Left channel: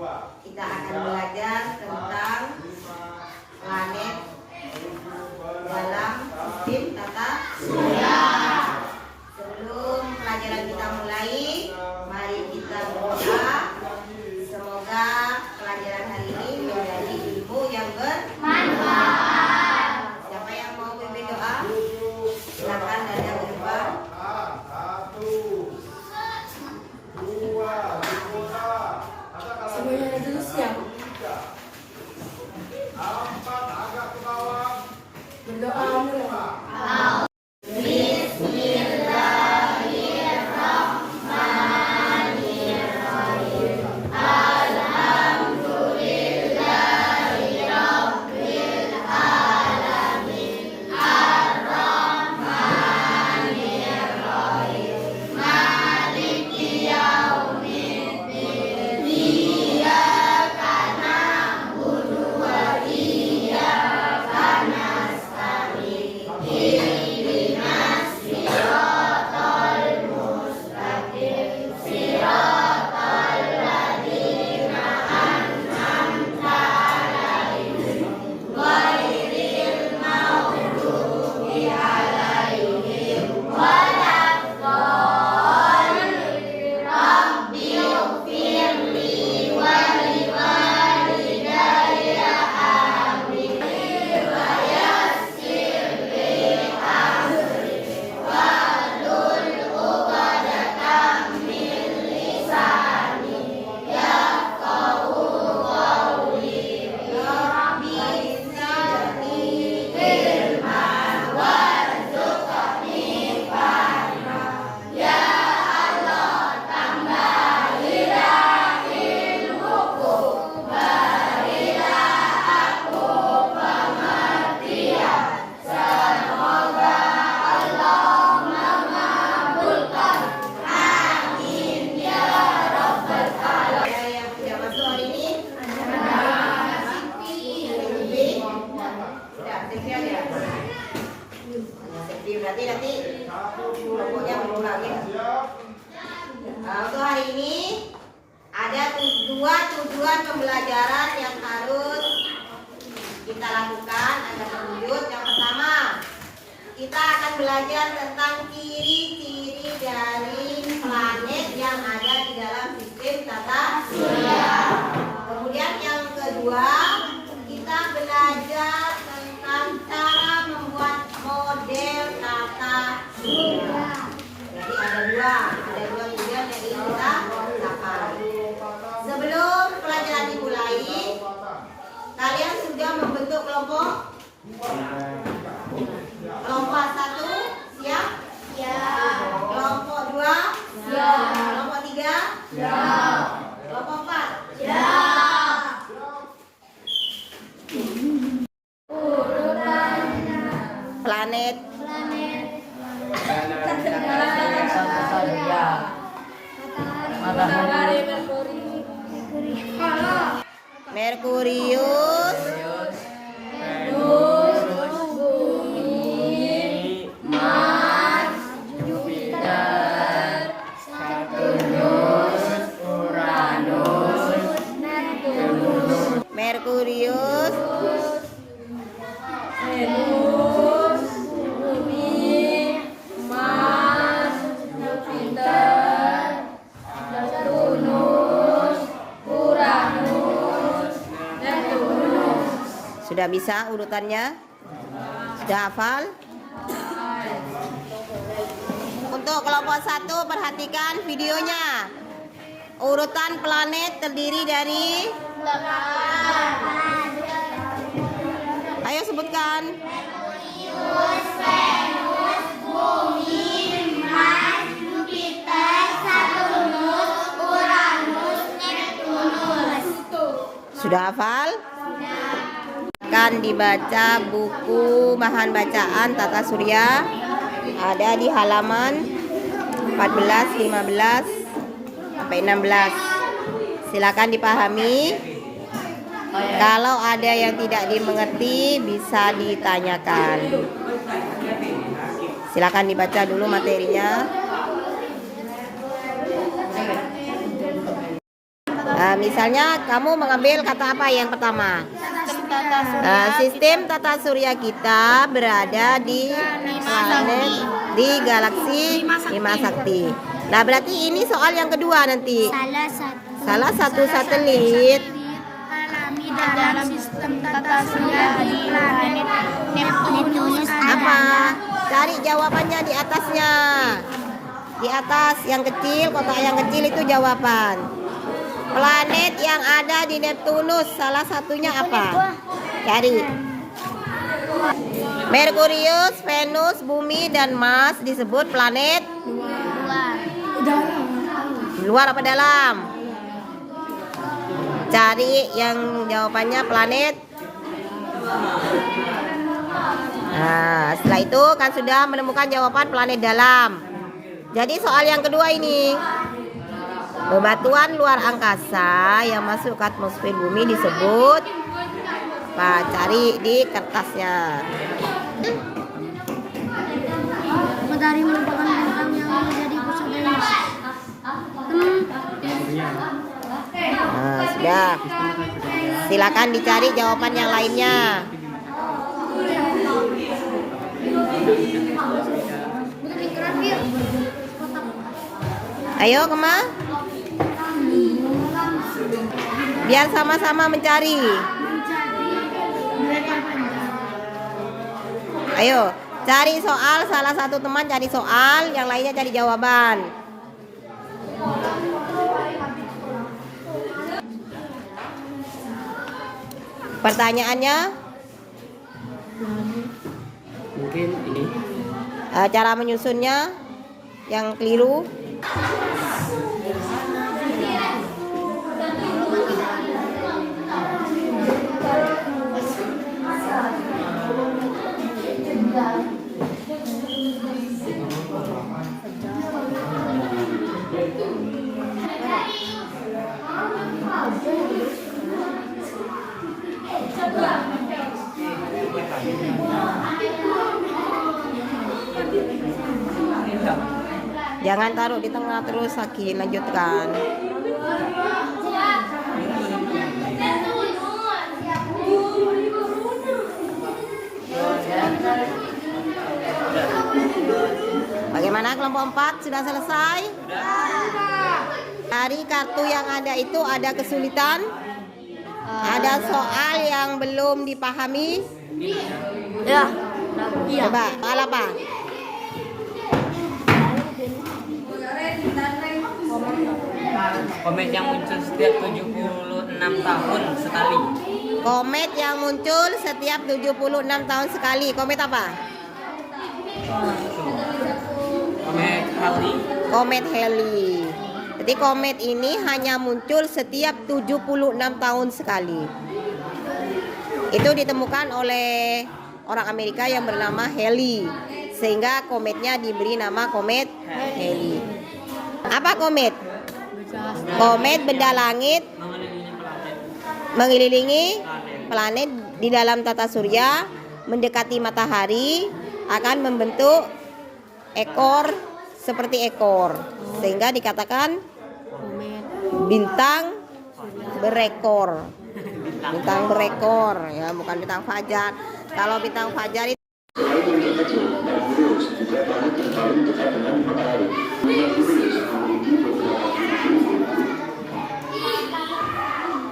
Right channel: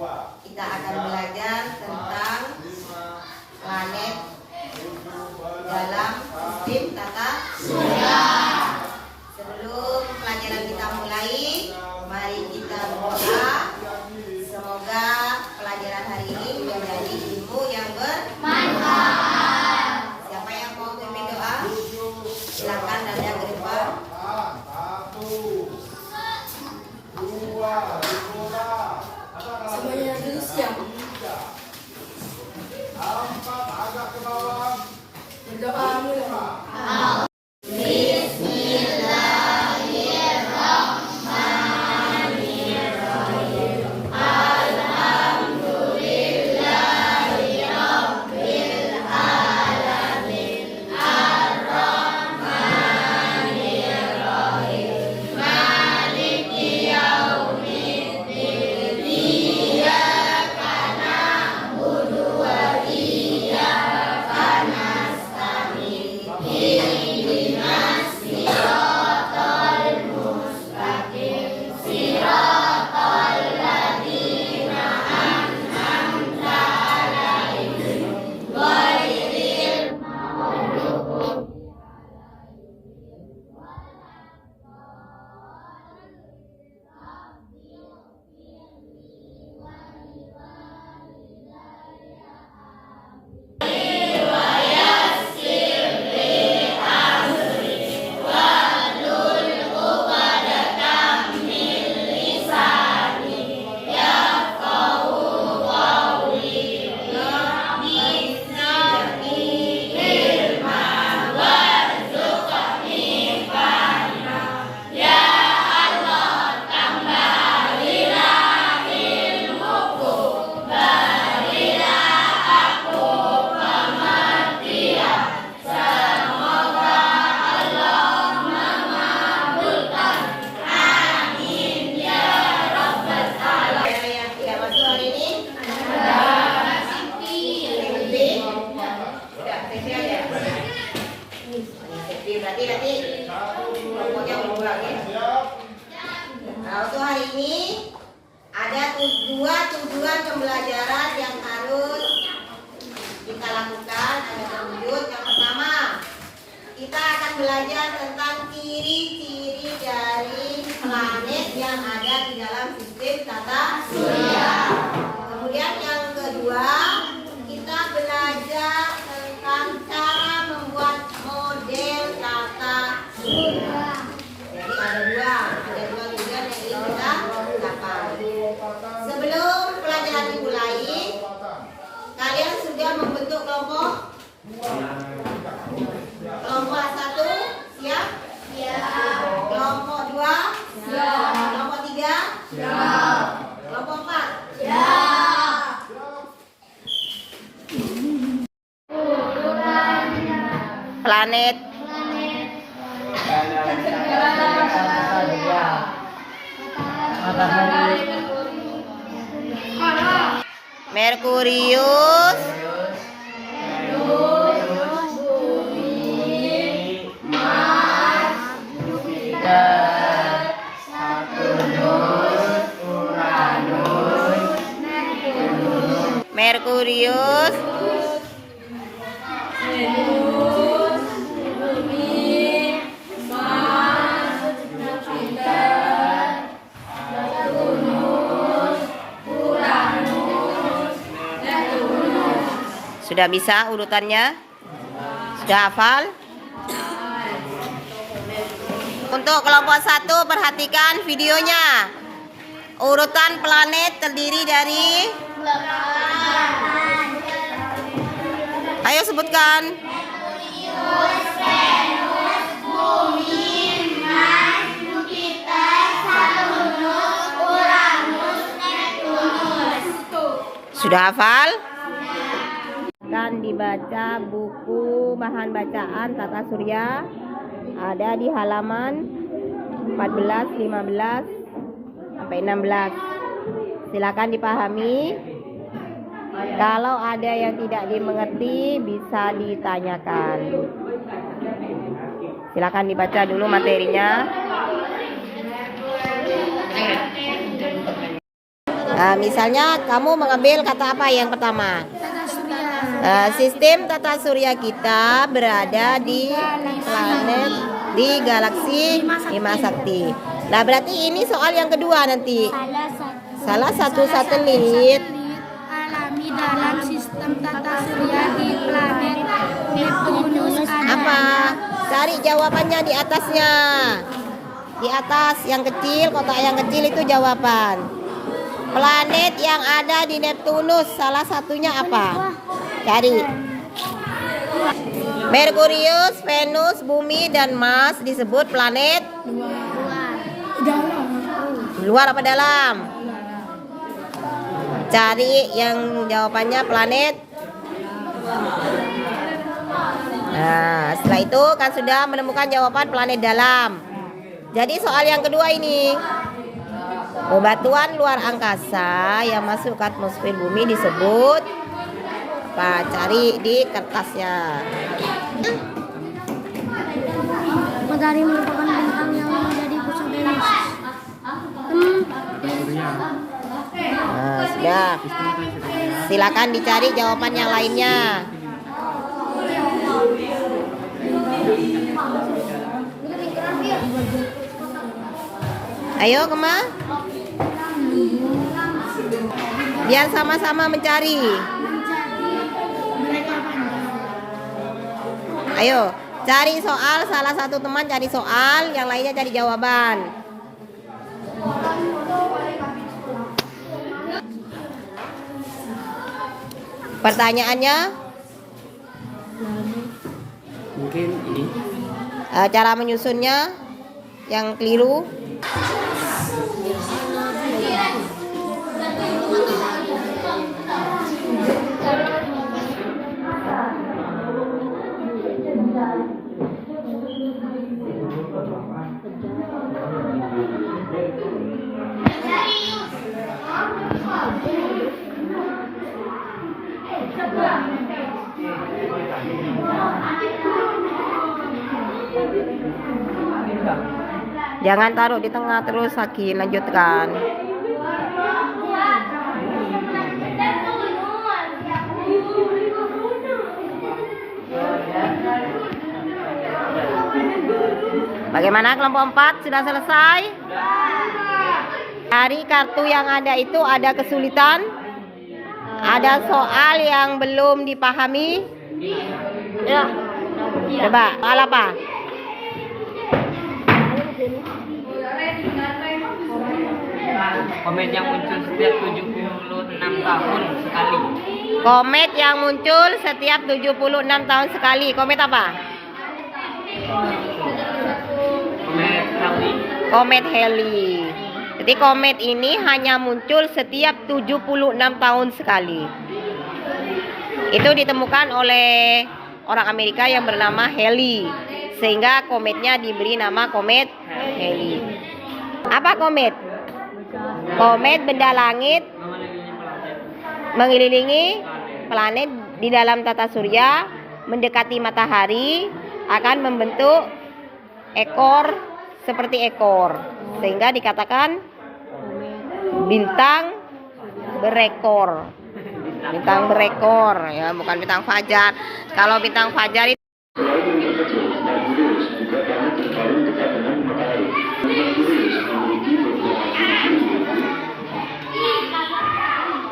kita akan belajar tentang planet dalam sistem tata surya. Sebelum pelajaran kita mulai, mari kita berdoa. Semoga pelajaran hari ini menjadi ilmu yang bermanfaat. Siapa yang mau pimpin doa? Silakan nada ke depan. 1, 2, semuanya dulu siap. Agak ke bawah. Berdoa mulai. Berarti nanti kelompoknya berkurang ya. Nah, untuk hari ini ada dua tujuan pembelajaran yang harus kita lakukan. Ada terwujud. Yang pertama, kita akan belajar tentang ciri-ciri dari planet yang ada di dalam sistem tata surya. Kemudian yang kedua, kita belajar tentang cara membuat model tata surya. Jadi ada dua tujuan yang ingin kita lakukan. Sebelum pelajaran dimulai, kalian sudah membentuk kelompok? Kelompok 1 siap? Siap. Kelompok 2 siap. Kelompok 3 siap. Kelompok 4 siap. Planet Merkurius, Merkurius, Venus, Bumi, Mars, Jupiter, Saturnus, Uranus, Neptunus. sudah bisa urutannya? Sudah hafal? Untuk kelompok 1 perhatikan videonya. Urutan planet terdiri dari, ayo sebutkan. Merkurius, Venus, Bumi, Mars, Jupiter, Saturnus, Uranus, Neptunus. Sudah hafal? Akan dibaca buku bahan bacaan tata surya, ada di halaman 14, 15 sampai 16. Silakan dipahami. Kalau ada yang tidak dimengerti bisa ditanyakan. Silakan dibaca dulu materinya. Misalnya kamu mengambil kata apa yang pertama? Tata surya. Sistem tata surya kita berada di planet di galaksi Bima Sakti. Nah, berarti ini soal yang kedua nanti. Salah satu satelit alami dalam sistem tata surya di planet Neptunus apa? Cari jawabannya di atasnya. Di atas yang kecil, kotak yang kecil itu jawaban. Planet yang ada di Neptunus salah satunya apa? Cari. Merkurius, Venus, Bumi, dan Mars disebut planet luar apa dalam? Cari yang jawabannya planet. Nah, setelah itu kan sudah menemukan jawaban planet dalam. Jadi soal yang kedua ini, bebatuan luar angkasa yang masuk ke atmosfer bumi disebut apa? Cari di kertasnya. Matahari merupakan bintang yang menjadi pusat dari Nah, sudah. Silakan dicari jawaban yang lainnya. Ayo, Kema. Biar sama-sama mencari. Ayo, cari soal, salah satu teman cari soal, yang lainnya cari jawaban. Pertanyaannya? Mungkin ini. Cara menyusunnya yang keliru. Jangan taruh di tengah terus, Saki. Lanjutkan. Bagaimana kelompok 4? Sudah selesai? Dari kartu yang ada itu ada kesulitan? Ada soal yang belum dipahami? Ya. Coba, soal apa? Komet yang muncul setiap 76 tahun sekali. Komet yang muncul setiap 76 tahun sekali. Komet apa? Komet Halley. Komet Halley. Jadi komet ini hanya muncul setiap 76 tahun sekali. Itu ditemukan oleh orang Amerika yang bernama Halley. Sehingga kometnya diberi nama komet Halley. Apa komet? Komet benda langit mengelilingi planet di dalam tata surya, mendekati matahari, akan membentuk ekor seperti ekor, sehingga dikatakan bintang berekor. Bintang berekor ya, bukan bintang fajar. Kalau bintang fajar itu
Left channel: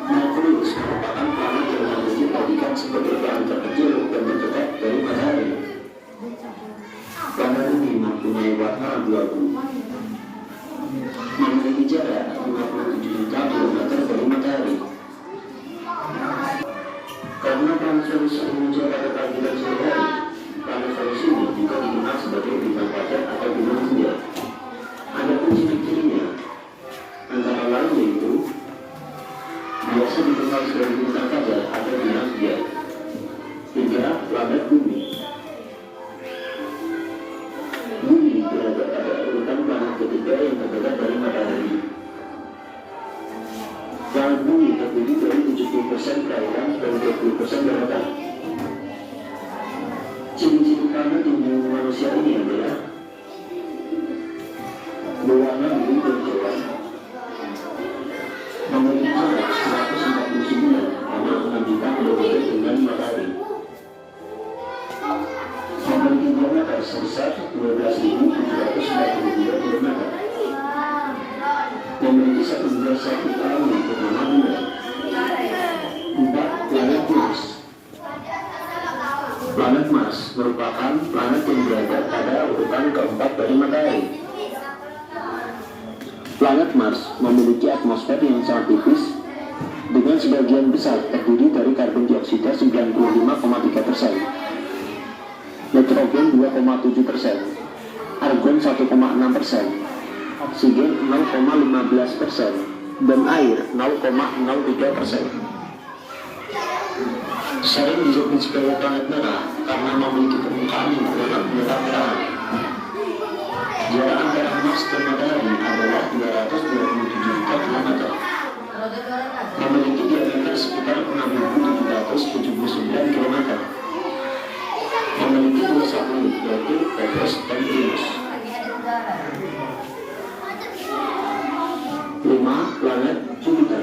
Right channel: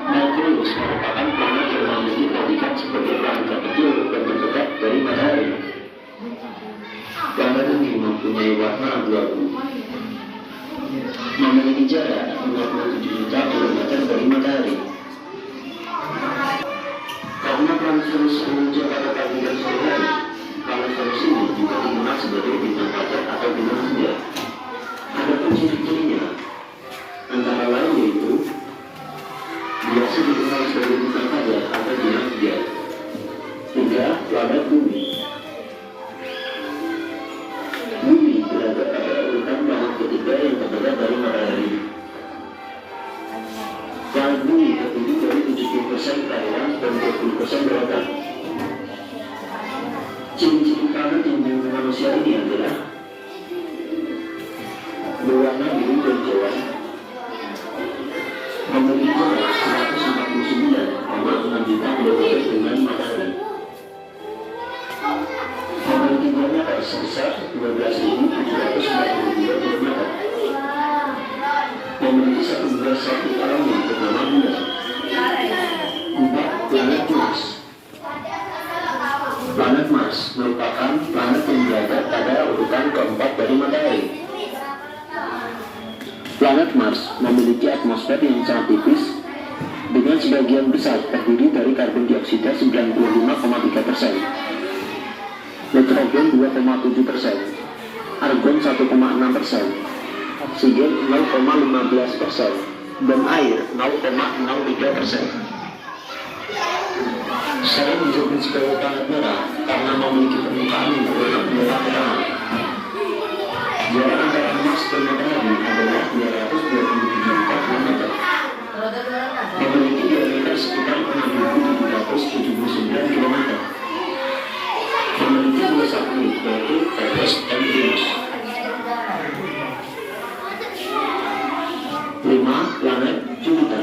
Merkurius merupakan planet yang memiliki habitat sebagai bahan terkecil dan terdekat dari matahari. Planet ini mempunyai warna abu-abu, memiliki jarak 27 juta kilometer dari matahari. Karena planet Venus muncul pada pagi dan sore hari, planet Venus ini juga dikenal sebagai bintang fajar atau bintang senja. Ada pun ciri-cirinya, antara lain yaitu biasa dikenal sebagai bintang fajar atau bintang senja. 3. Planet Bumi. Bumi berada pada urutan planet ketiga yang terdekat dari matahari. Planet Bumi terdiri dari 70% perairan dan 20% daratan. Ciri-ciri planet yang dimiliki manusia ini adalah berwarna biru dan jauh, memiliki atmosfer yang sangat tipis dengan sebagian besar terdiri dari karbon dioksida 95,3%, nitrogen 2,7%, argon 1,6%, oksigen 0,15%, dan air 0,03%. Saya menyebut sebagai planet merah karena memiliki permukaan yang berwarna merah. Jarak antara Mars dan Matahari adalah 227 juta kilometer. Memiliki diameter sekitar 6.779 km. Memiliki dua satelit yaitu Eros dan Venus. 5. Planet Jupiter.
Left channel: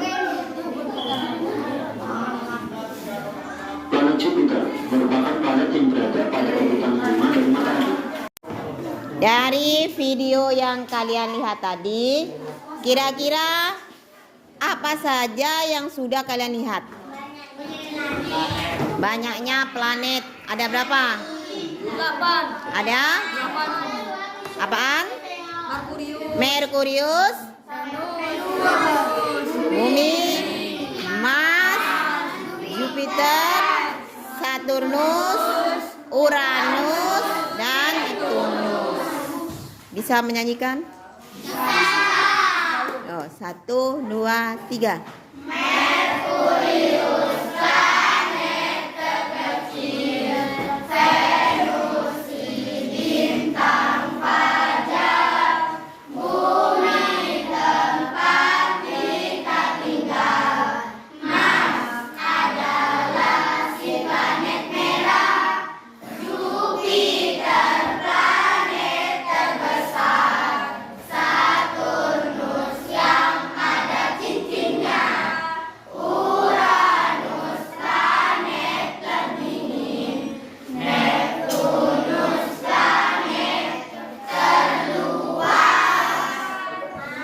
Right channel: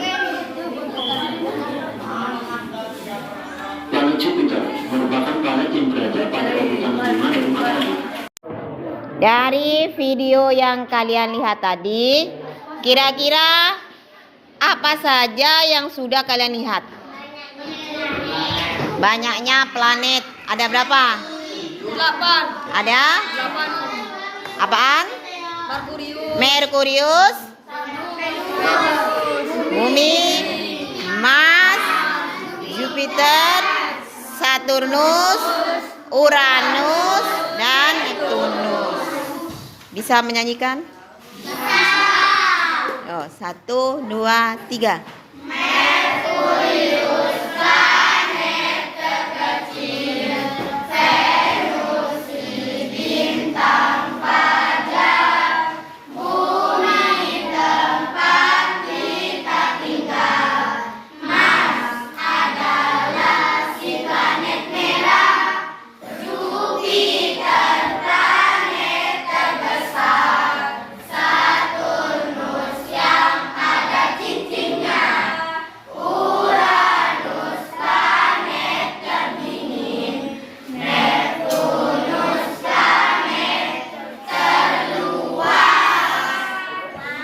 Planet Jupiter merupakan planet yang berada pada urutan kelima dari Matahari. Dari video yang kalian lihat tadi, kira-kira apa saja yang sudah kalian lihat? Banyaknya planet. Ada berapa? 8. Ada? 8. Apaan? Merkurius. Merkurius, Bumi, Mars, Jupiter, Saturnus, Uranus, dan Neptunus. Bisa menyanyikan? Oh, 1, 2, 3.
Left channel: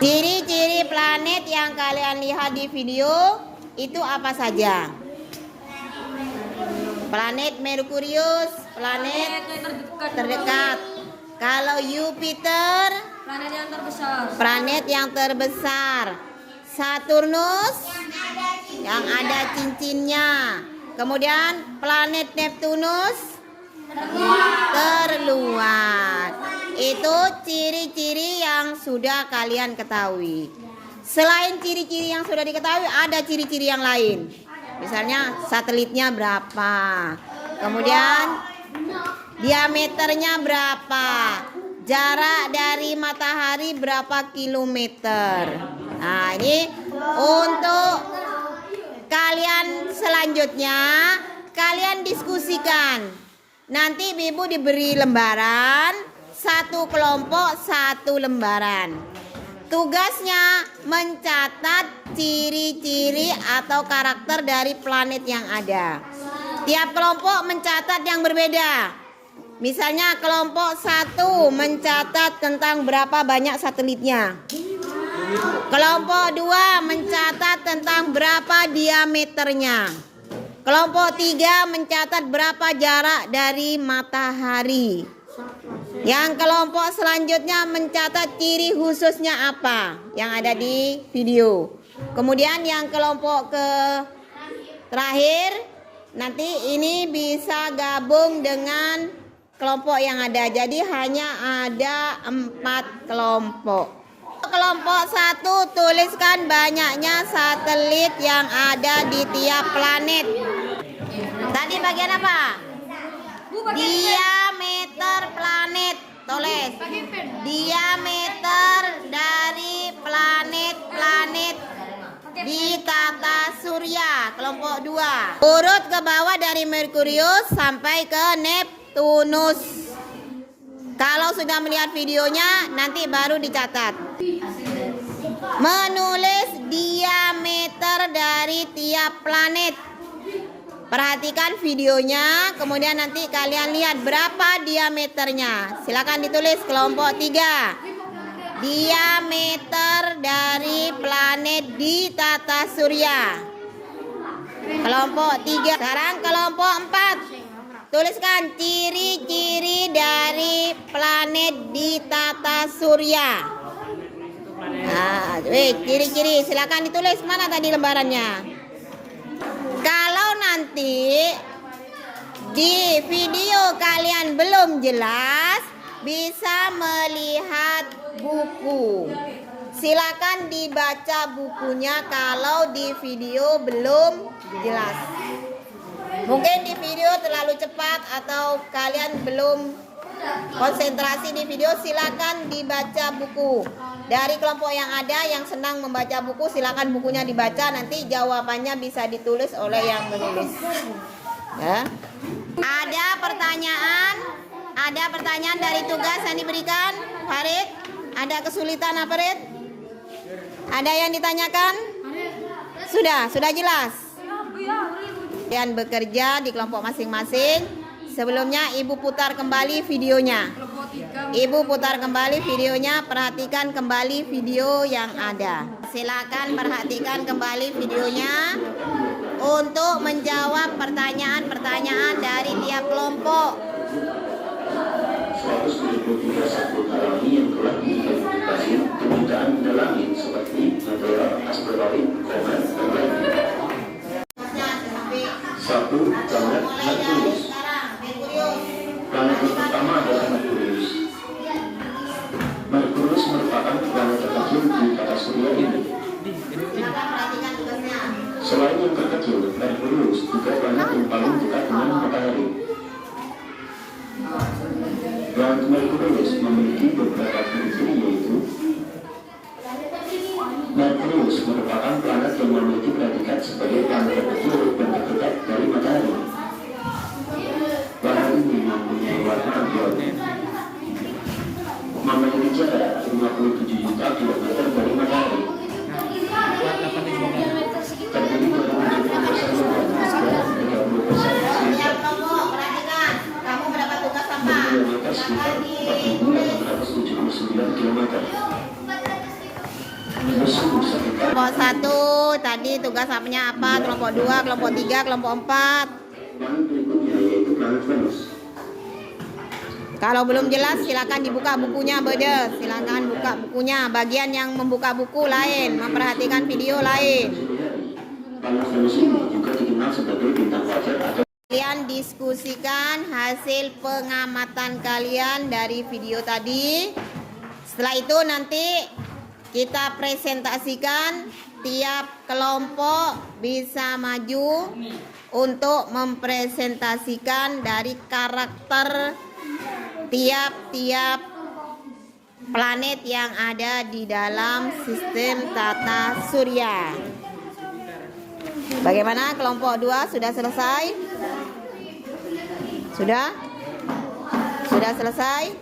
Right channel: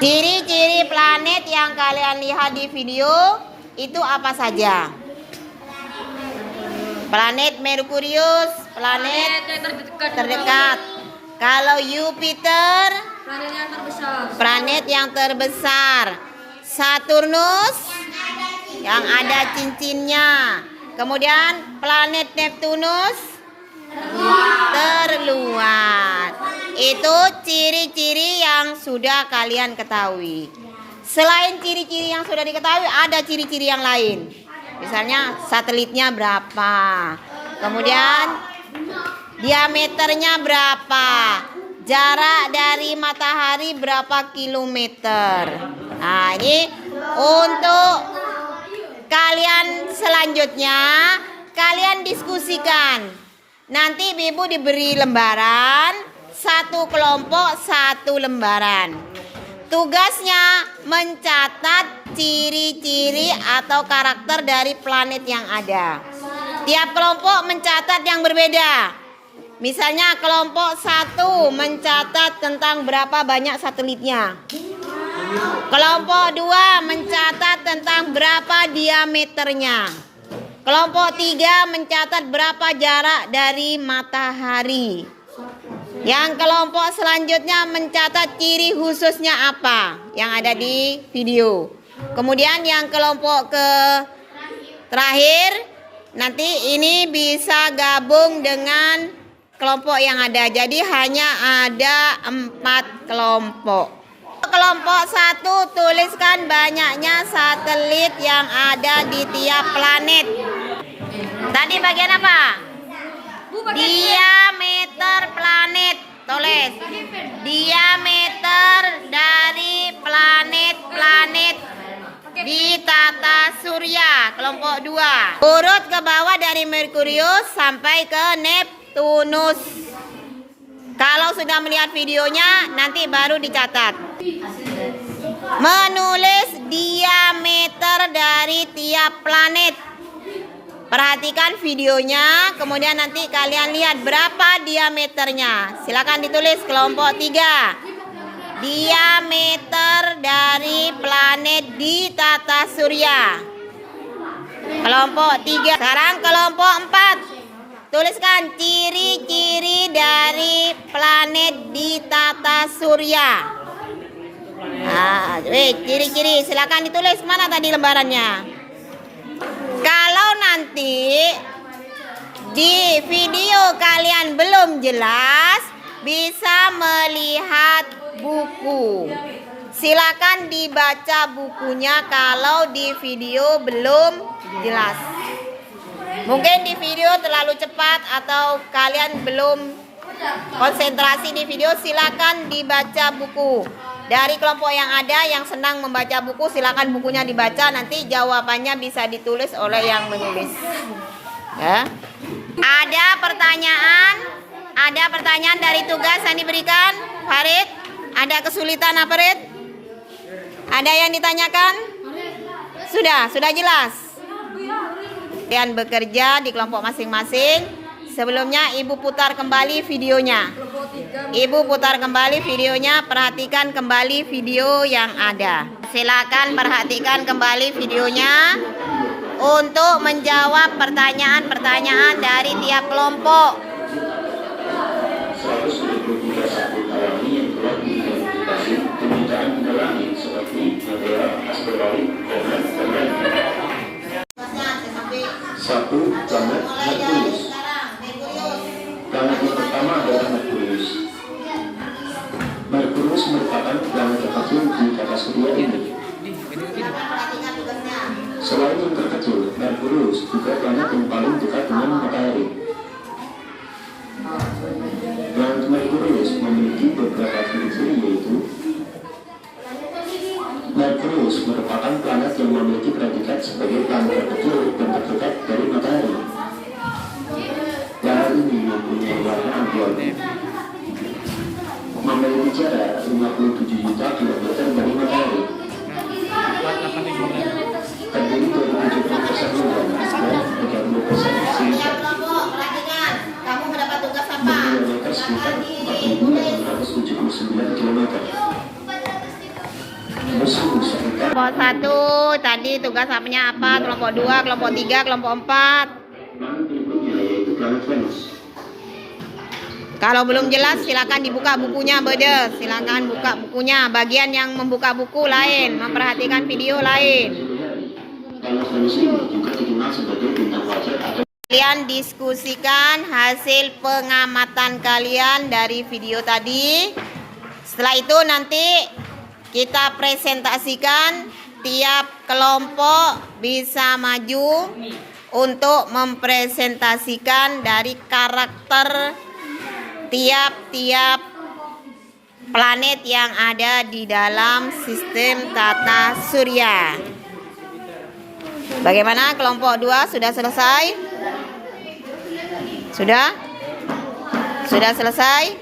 Ciri-ciri planet yang kalian lihat di video itu apa saja? Planet Merkurius, planet terdekat. Kalau Jupiter, planet yang terbesar. Saturnus, yang ada cincinnya. Kemudian planet Neptunus, terluar. Itu ciri-ciri yang sudah kalian ketahui. Selain ciri-ciri yang sudah diketahui, ada ciri-ciri yang lain. Misalnya satelitnya berapa, kemudian diameternya berapa, jarak dari matahari berapa kilometer. Nah, ini untuk kalian selanjutnya kalian diskusikan. Nanti Ibu diberi lembaran, satu kelompok satu lembaran. Tugasnya mencatat ciri-ciri atau karakter dari planet yang ada. Tiap kelompok mencatat yang berbeda. Misalnya kelompok 1 mencatat tentang berapa banyak satelitnya. Kelompok 2 mencatat tentang berapa diameternya. Kelompok 3 mencatat berapa jarak dari matahari. Yang kelompok selanjutnya mencatat ciri khususnya apa yang ada di video. Kemudian yang kelompok terakhir nanti ini bisa gabung dengan kelompok yang ada. Jadi hanya ada 4 kelompok. Kelompok 1 tuliskan banyaknya satelit yang ada di tiap planet. Tadi bagian apa? Diameter planet. Tulis diameter dari planet-planet di tata surya. Kelompok 2 urut ke bawah dari Merkurius sampai ke Neptunus. Kalau sudah melihat videonya nanti baru dicatat. Menulis diameter dari tiap planet. Perhatikan videonya, kemudian nanti kalian lihat berapa diameternya. Silakan ditulis kelompok 3. Diameter dari planet di tata surya. Kelompok 3. Sekarang kelompok 4. Tuliskan ciri-ciri dari planet di tata surya. Ciri-ciri silakan ditulis, mana tadi lembarannya. Kalau nanti di video kalian belum jelas, bisa melihat buku. Silakan dibaca bukunya kalau di video belum jelas. Mungkin di video terlalu cepat atau kalian belum konsentrasi di video, silakan dibaca buku. Dari kelompok yang ada yang senang membaca buku, silakan bukunya dibaca, nanti jawabannya bisa ditulis oleh yang menulis. Ya. Ada pertanyaan dari tugas yang diberikan, Farid? Ada kesulitan apa, Farid? Ada yang ditanyakan? Sudah jelas. Kalian bekerja di kelompok masing-masing. Sebelumnya Ibu putar kembali videonya. Perhatikan kembali video yang ada. Silakan perhatikan kembali videonya untuk menjawab pertanyaan-pertanyaan dari tiap kelompok. 123 sapu alami yang telah diidentifikasi kebutuhan mendalami seperti material asteroid, komet, dan lainnya. 1. Planet Merkurius. Planet yang pertama adalah Merkurius. Merkurius merupakan planet terkecil di tata surya ini. Selain yang terkecil, Merkurius juga planet yang paling dekat dengan matahari. Planet Merkurius memiliki beberapa ciri-ciri, yaitu Merkurius merupakan planet yang memiliki predikat sebagai planet terkecil dan terdekat dari matahari. Planet ini mempunyai warna abu-abu, memiliki jarak 57 juta kilometer dari matahari, terdiri dari 70% logam dan 30% silika, berdiameter sekitar 4.879 km. Kelompok 1 tadi tugas apanya apa? Kelompok 2, kelompok 3, kelompok 4. Kalau belum jelas silakan dibuka bukunya, Bede. Silakan buka bukunya. Bagian yang membuka buku lain, memperhatikan video lain. Kalian diskusikan hasil pengamatan kalian dari video tadi. Setelah itu nanti kita presentasikan, tiap kelompok bisa maju untuk mempresentasikan dari karakter tiap-tiap planet yang ada di dalam sistem tata surya. Bagaimana kelompok 2 sudah selesai? Sudah selesai?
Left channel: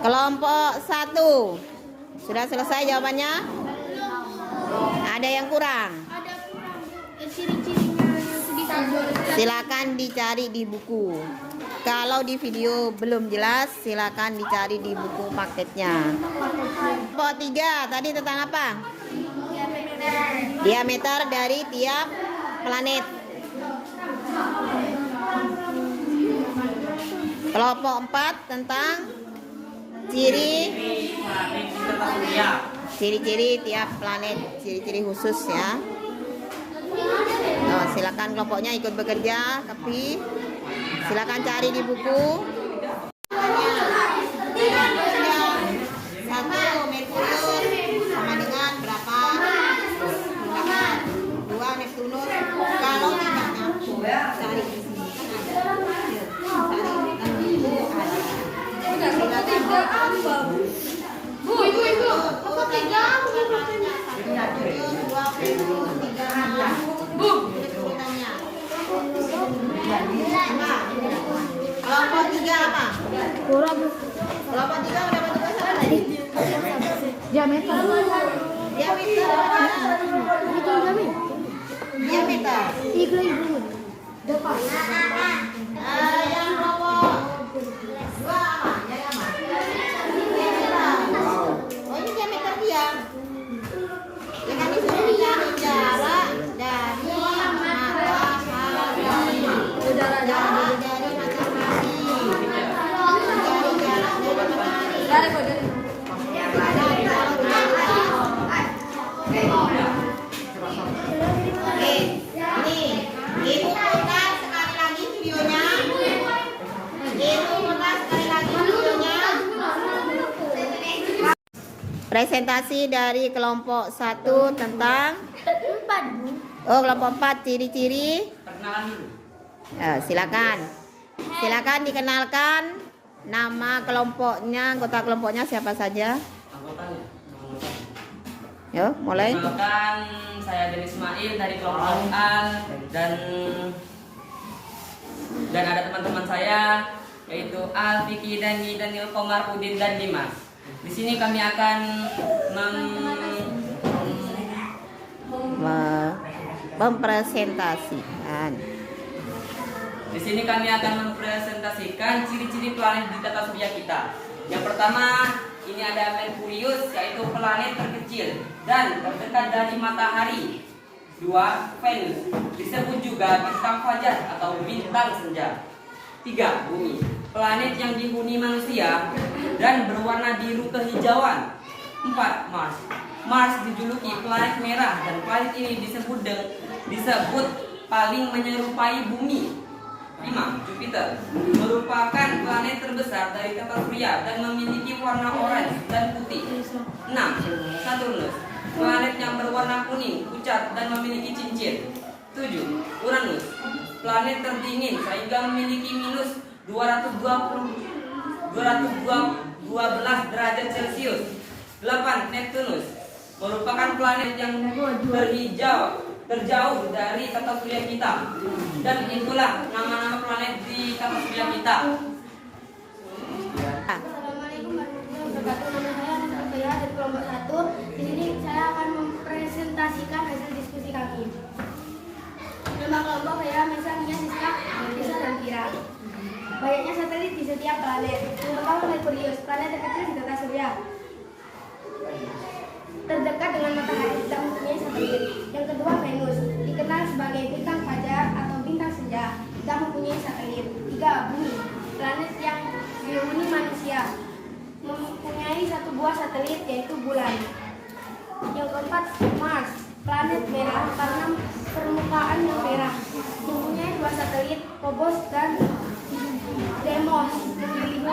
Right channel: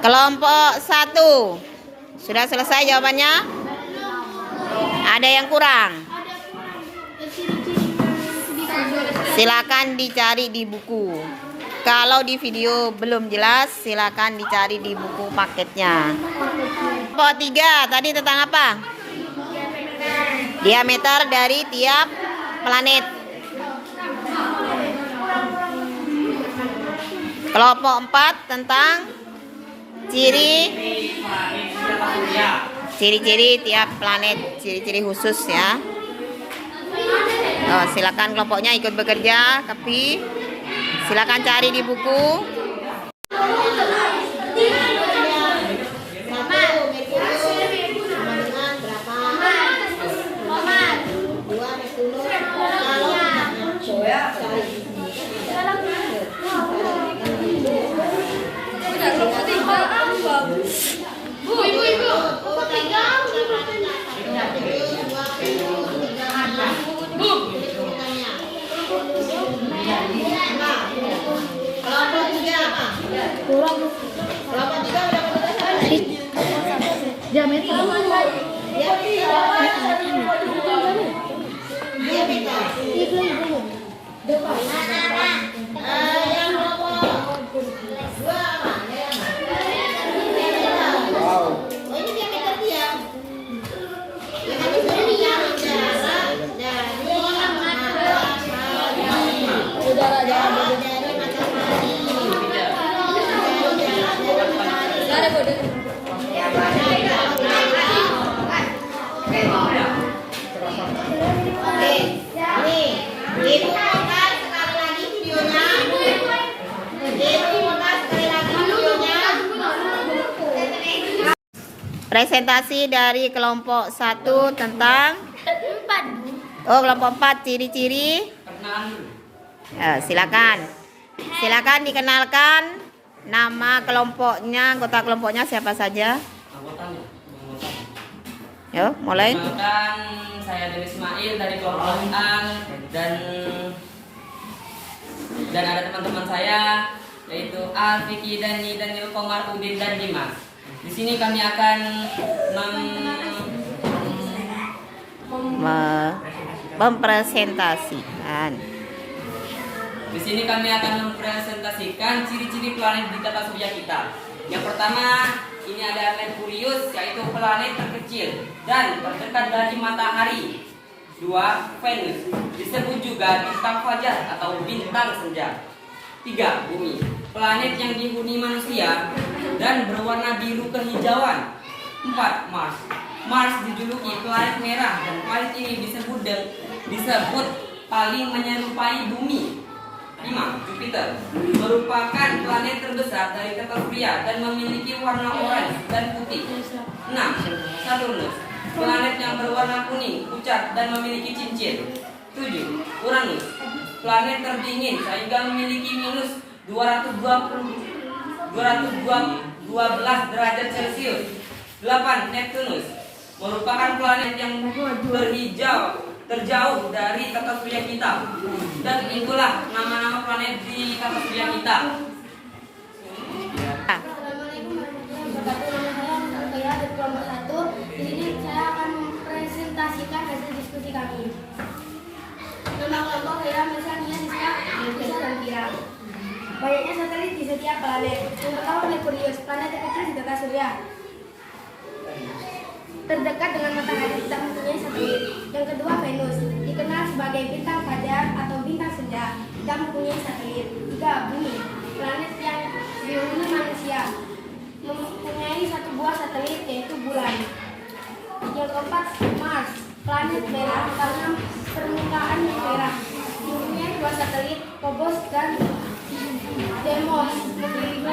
Kelompok 1 sudah selesai jawabannya? Ada yang kurang? Silakan dicari di buku. Kalau di video belum jelas, silakan dicari di buku paketnya. Kelompok 3 tadi tentang apa? Diameter dari tiap planet. Kelompok 4 tentang ciri-ciri tiap planet, ciri-ciri khusus ya. Silakan kelompoknya ikut bekerja, tapi silakan cari di buku. 1 Merkurius sama dengan berapa? 2 Neptunus. Kalau tidak cari di sini. Kelompok 3 apa? Kurang. Kelompok 3 udah berapa? Diameter. Diameter. Depan. Yang kelompok 2 apa? Oh, ini diameter dia. Ya kan disuruh cari jarak dari matahari. Udara jarak dari matahari. Cari jarak dari matahari. Presentasi dari kelompok 1 tentang kelompok 4 ciri-ciri. Silakan. Silakan dikenalkan nama kelompoknya, anggota kelompoknya siapa saja? Anggotanya. Yo, mulai. Perkenalkan, saya Denis Ismail dari kelompok A dan ada teman-teman saya yaitu Al, Vicky, Dani, Daniel, Komar, Udin dan Dimas. Di sini kami akan mempresentasikan. Di sini kami akan mempresentasikan ciri-ciri planet di tata surya kita. Yang pertama, ini ada Merkurius, yaitu planet terkecil dan terdekat dari matahari. 2. Venus, disebut juga bintang fajar atau bintang senja. 3. Bumi, planet yang dihuni manusia dan berwarna biru kehijauan. 4. Mars, Mars dijuluki planet merah dan planet ini disebut paling menyerupai bumi. 5. Jupiter, merupakan planet terbesar dari tata surya dan memiliki warna oranye dan putih. 6. Saturnus, planet yang berwarna kuning, pucat dan memiliki cincin. 7. Uranus, planet terdingin sehingga memiliki minus 212 derajat Celcius. 8. Neptunus, merupakan planet yang terjauh dari tata surya kita. Dan itulah nama-nama planet di tata surya kita. Assalamualaikum warahmatullahi wabarakatuh. Nama saya Anas Alfaya dari kelompok 1. Di sini saya akan mempresentasikan hasil diskusi kami. Nama kelompok saya misalnya Siska, Bisa dan Kira. Banyaknya satelit di setiap planet. Yang pertama Merkurius, planet terkecil di tata surya. Terdekat dengan matahari dan mempunyai satelit. Yang kedua Venus, dikenal sebagai bintang fajar atau bintang senja, tidak mempunyai satelit. 3. Bumi, planet yang dihuni manusia, mempunyai 1 buah satelit yaitu bulan. Yang keempat Mars, planet merah karena permukaan yang merah, mempunyai 2 satelit, Phobos dan Deimos, memiliki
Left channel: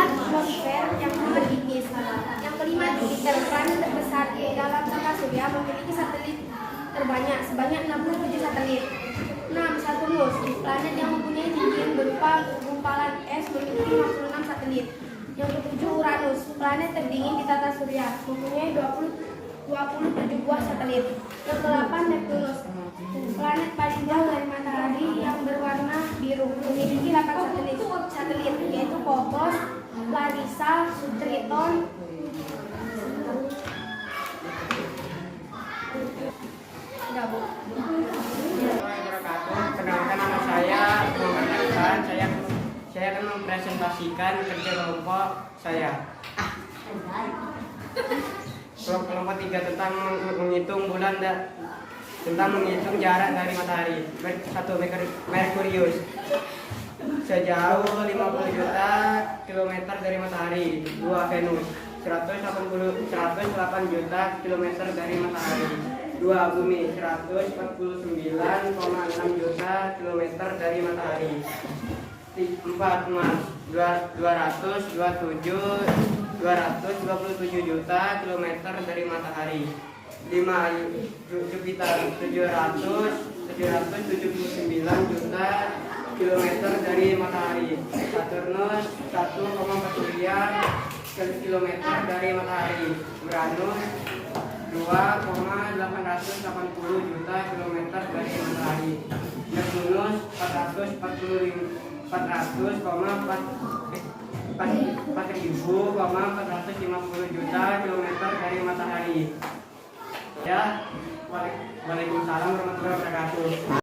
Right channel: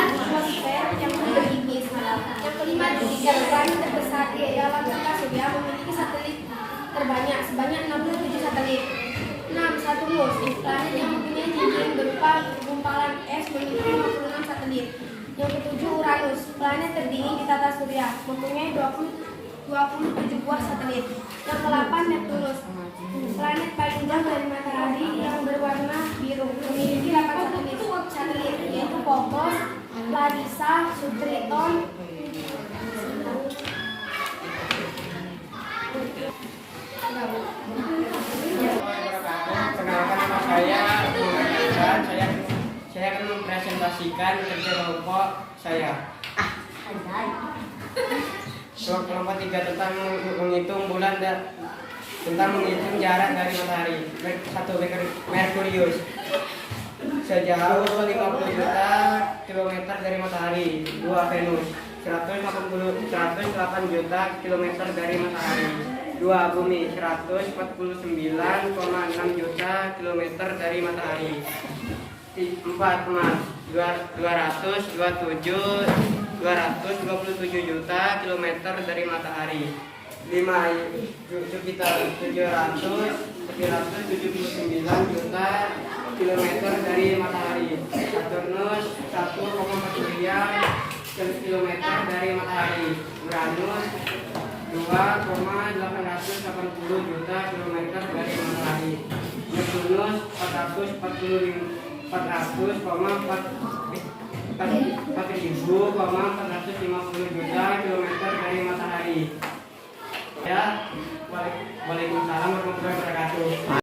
atmosfer yang beripis. Yang kelima Jupiter, planet terbesar di dalam tata surya, memiliki satelit terbanyak sebanyak 67 satelit. 6. Saturnus, planet yang mempunyai cincin berupa gumpalan es, memiliki 56 satelit. Yang ketujuh Uranus, planet terdingin di tata surya, mempunyai 27 buah satelit. Yang ke-8 Neptunus, planet paling jauh dari matahari yang berwarna biru, memiliki 8 satelit yaitu Phobos, Larissa, Triton. Perkenalkan, nama saya Muhammad Hasan. Saya akan mempresentasikan kerja kelompok saya. Kelompok 3 tentang menghitung bulan dan tentang menghitung jarak dari matahari. 1. Merkurius, sejauh 50 juta kilometer dari matahari. 2. Venus, 108 juta kilometer dari matahari. 2. Bumi, 149,6 juta kilometer dari matahari. 4. Mars, 227 juta kilometer dari matahari. 5. Jupiter, 779 juta kilometer dari matahari. Saturnus, 1,4 kilometer dari matahari. Uranus, 2,880 juta kilometer dari matahari. Neptunus, 450 juta kilometer dari matahari. Ya, waalaikumsalam warahmatullahi wabarakatuh.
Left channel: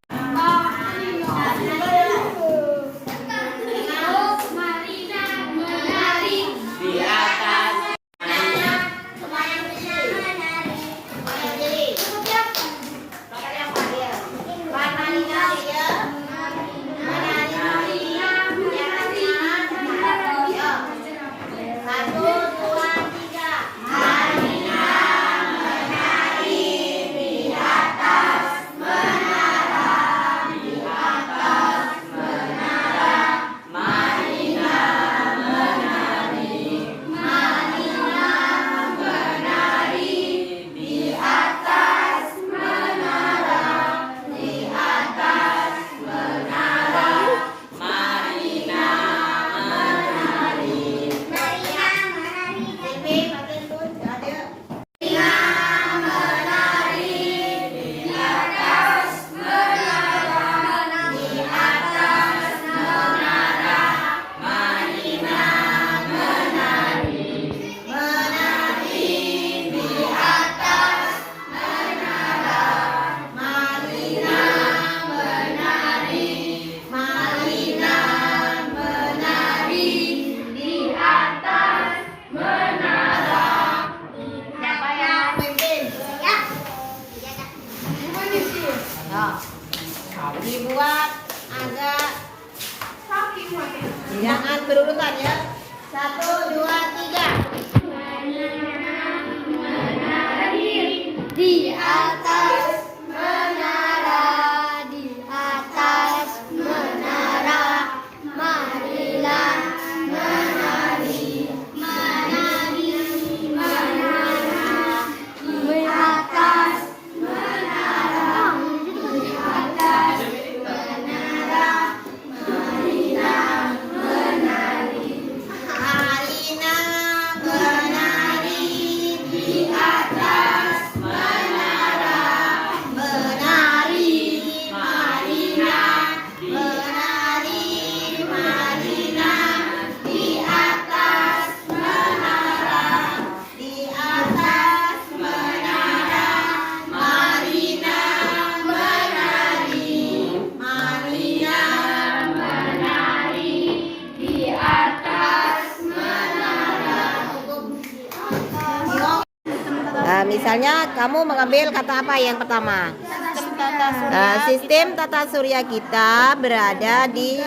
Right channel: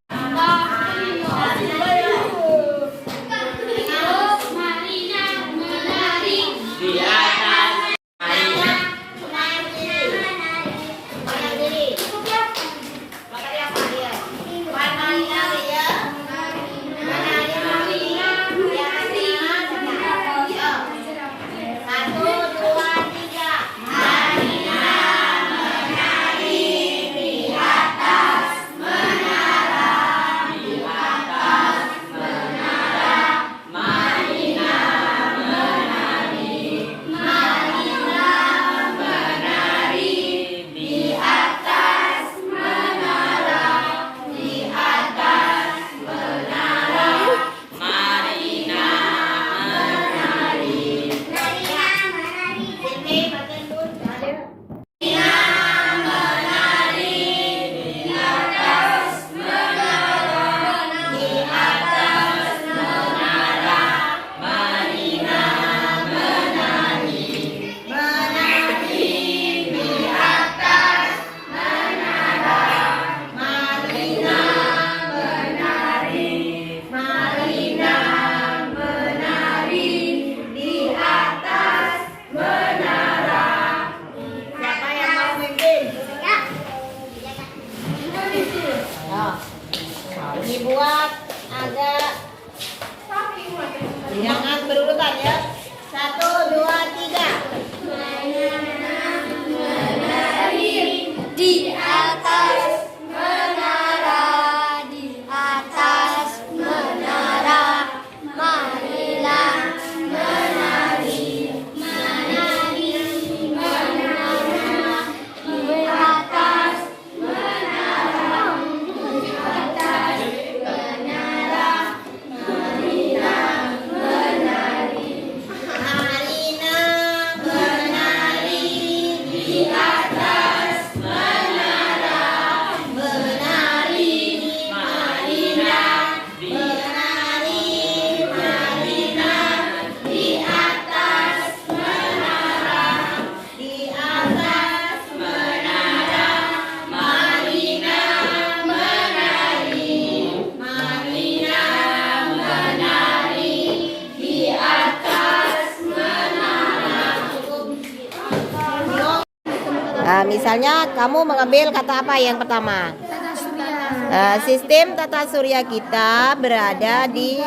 Misalnya kamu mengambil kata apa yang pertama? Tata surya. Sistem tata surya kita berada di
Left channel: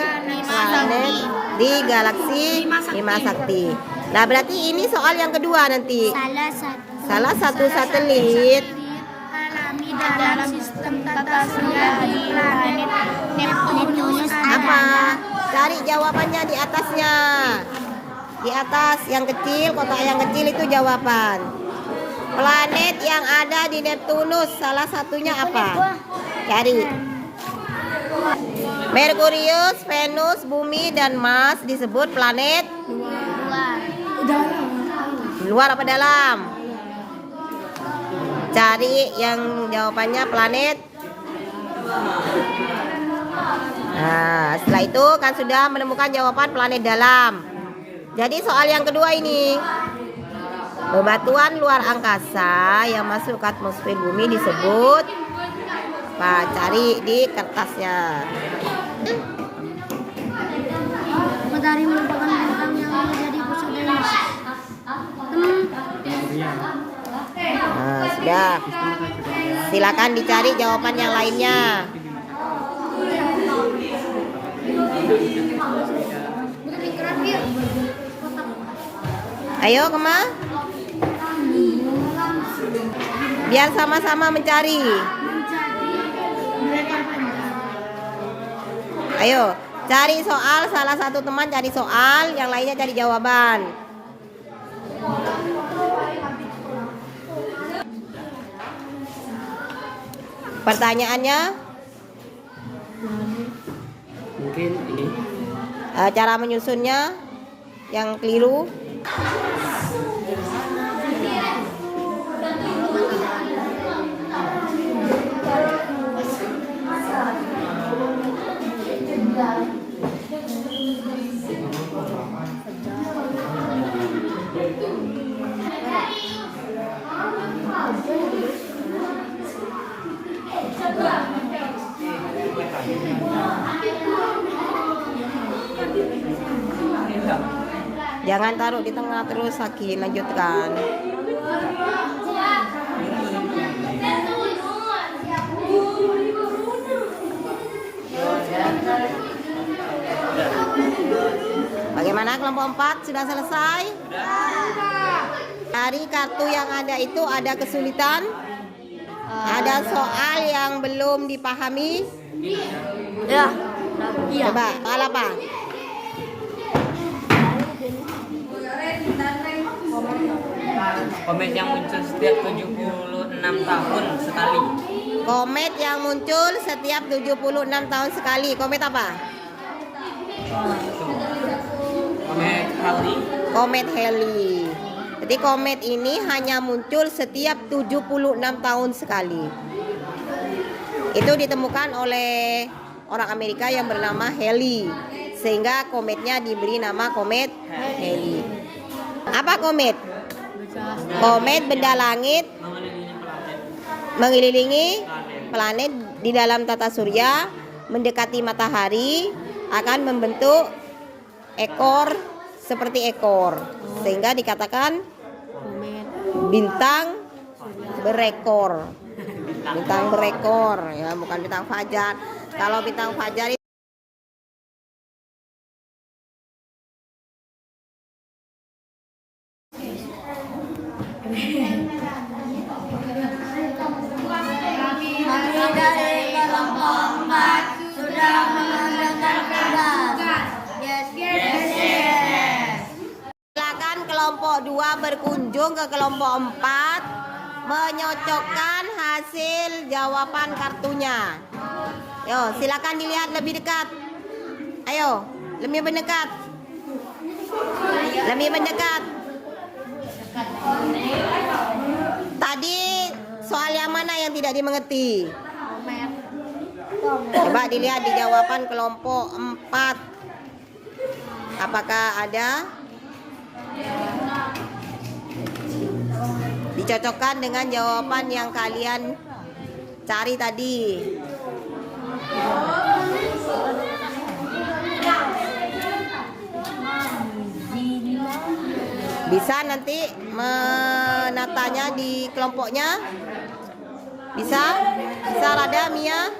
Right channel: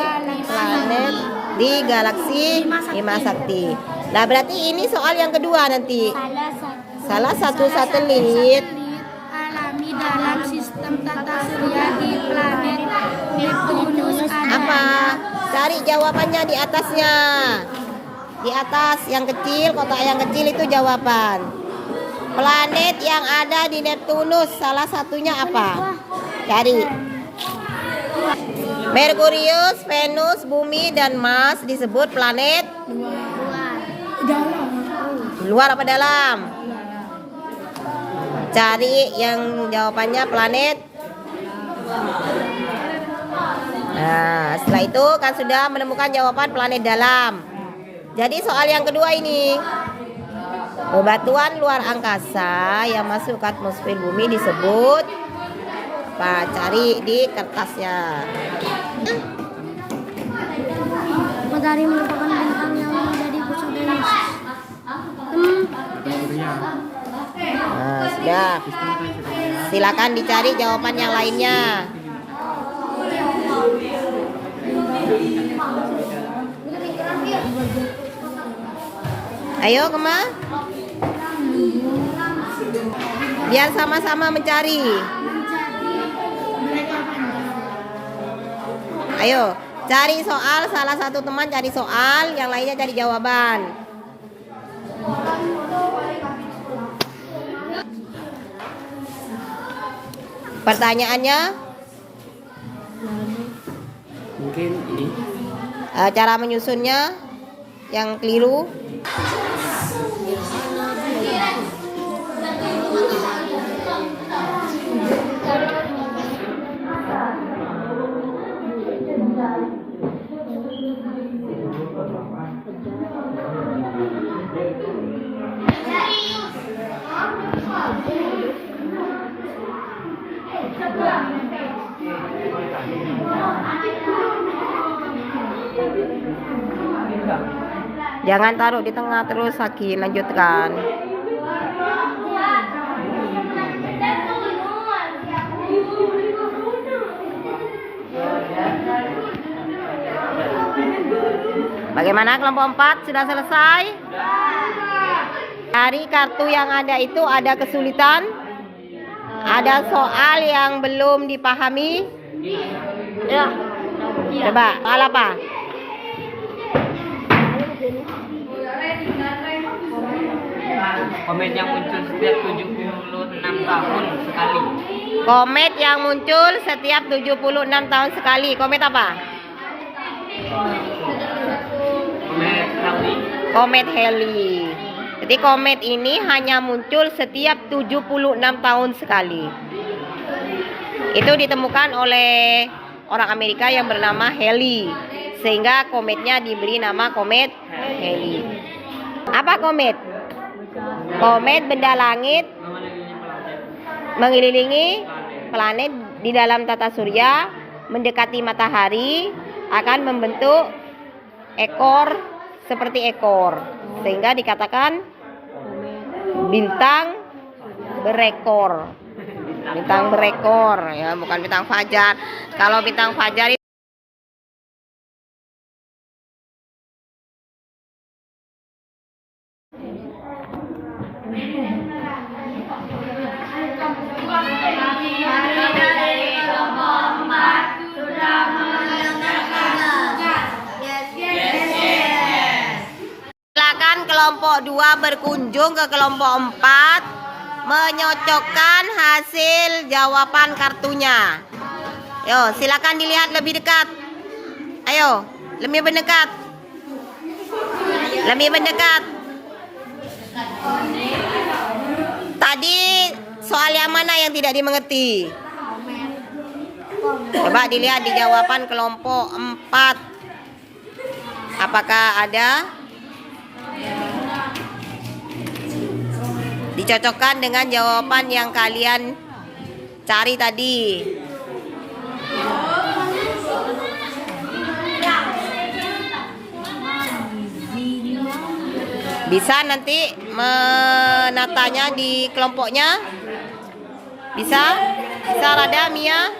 planet di galaksi Bima Sakti. Nah, berarti ini soal yang kedua nanti. Salah satu satelit alami dalam sistem tata surya di planet Neptunus apa? Cari jawabannya di atasnya. Di atas yang kecil, kotak yang kecil itu jawaban. Planet yang ada di Neptunus salah satunya apa? Cari. Merkurius, Venus, Bumi, dan Mars disebut planet luar apa dalam? Cari yang jawabannya planet. Nah, setelah itu kan sudah menemukan jawaban planet dalam. Jadi soal yang kedua ini, bebatuan luar angkasa yang masuk ke atmosfer bumi disebut apa? Cari di kertasnya. Matahari merupakan bintang yang menjadi pusat dari Nah, sudah. Silakan dicari jawaban yang lainnya. Ayo, Kema. Biar sama-sama mencari. Ayo, cari soal, salah satu teman cari soal, yang lainnya cari jawaban. Pertanyaannya? Mungkin ini. Cara menyusunnya yang keliru. Jangan taruh di tengah terus, Saki. Lanjutkan. Bagaimana kelompok 4? Sudah selesai? Dari kartu yang ada itu ada kesulitan? Ada soal yang belum dipahami? Coba, soal apa? Komet yang muncul setiap 76 tahun sekali. Komet yang muncul setiap 76 tahun sekali. Komet apa? Komet Halley. Komet Halley. Jadi komet ini hanya muncul setiap 76 tahun sekali. Itu ditemukan oleh orang Amerika yang bernama Halley. Sehingga kometnya diberi nama komet Halley. Apa komet? Komet benda langit mengelilingi planet di dalam tata surya, mendekati matahari, akan membentuk ekor seperti ekor, sehingga dikatakan bintang berekor. Bintang berekor ya, bukan bintang fajar. Kalau bintang fajar kelompok 2 berkunjung ke kelompok 4 menyocokkan hasil jawaban kartunya. Yo, silakan dilihat lebih dekat. Ayo, lebih mendekat. Lebih mendekat. Tadi soal yang mana yang tidak dimengerti? Coba dilihat di jawaban kelompok 4. Apakah ada? Dicocokkan dengan jawaban yang kalian cari tadi. Bisa nanti menatanya di kelompoknya? Bisa? Bisa Rada, Mia?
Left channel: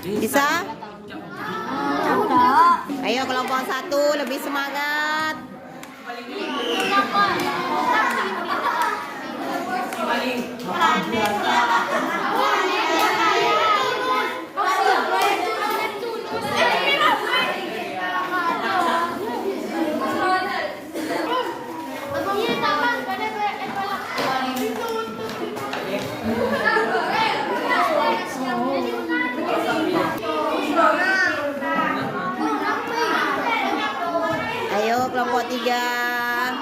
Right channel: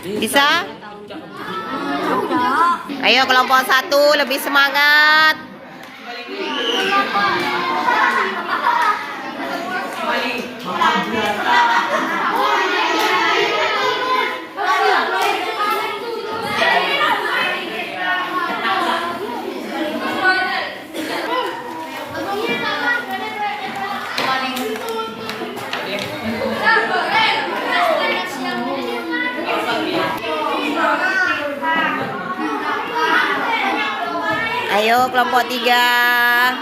Bisa? Ayo kelompok 1 lebih semangat. Ayo kelompok 3.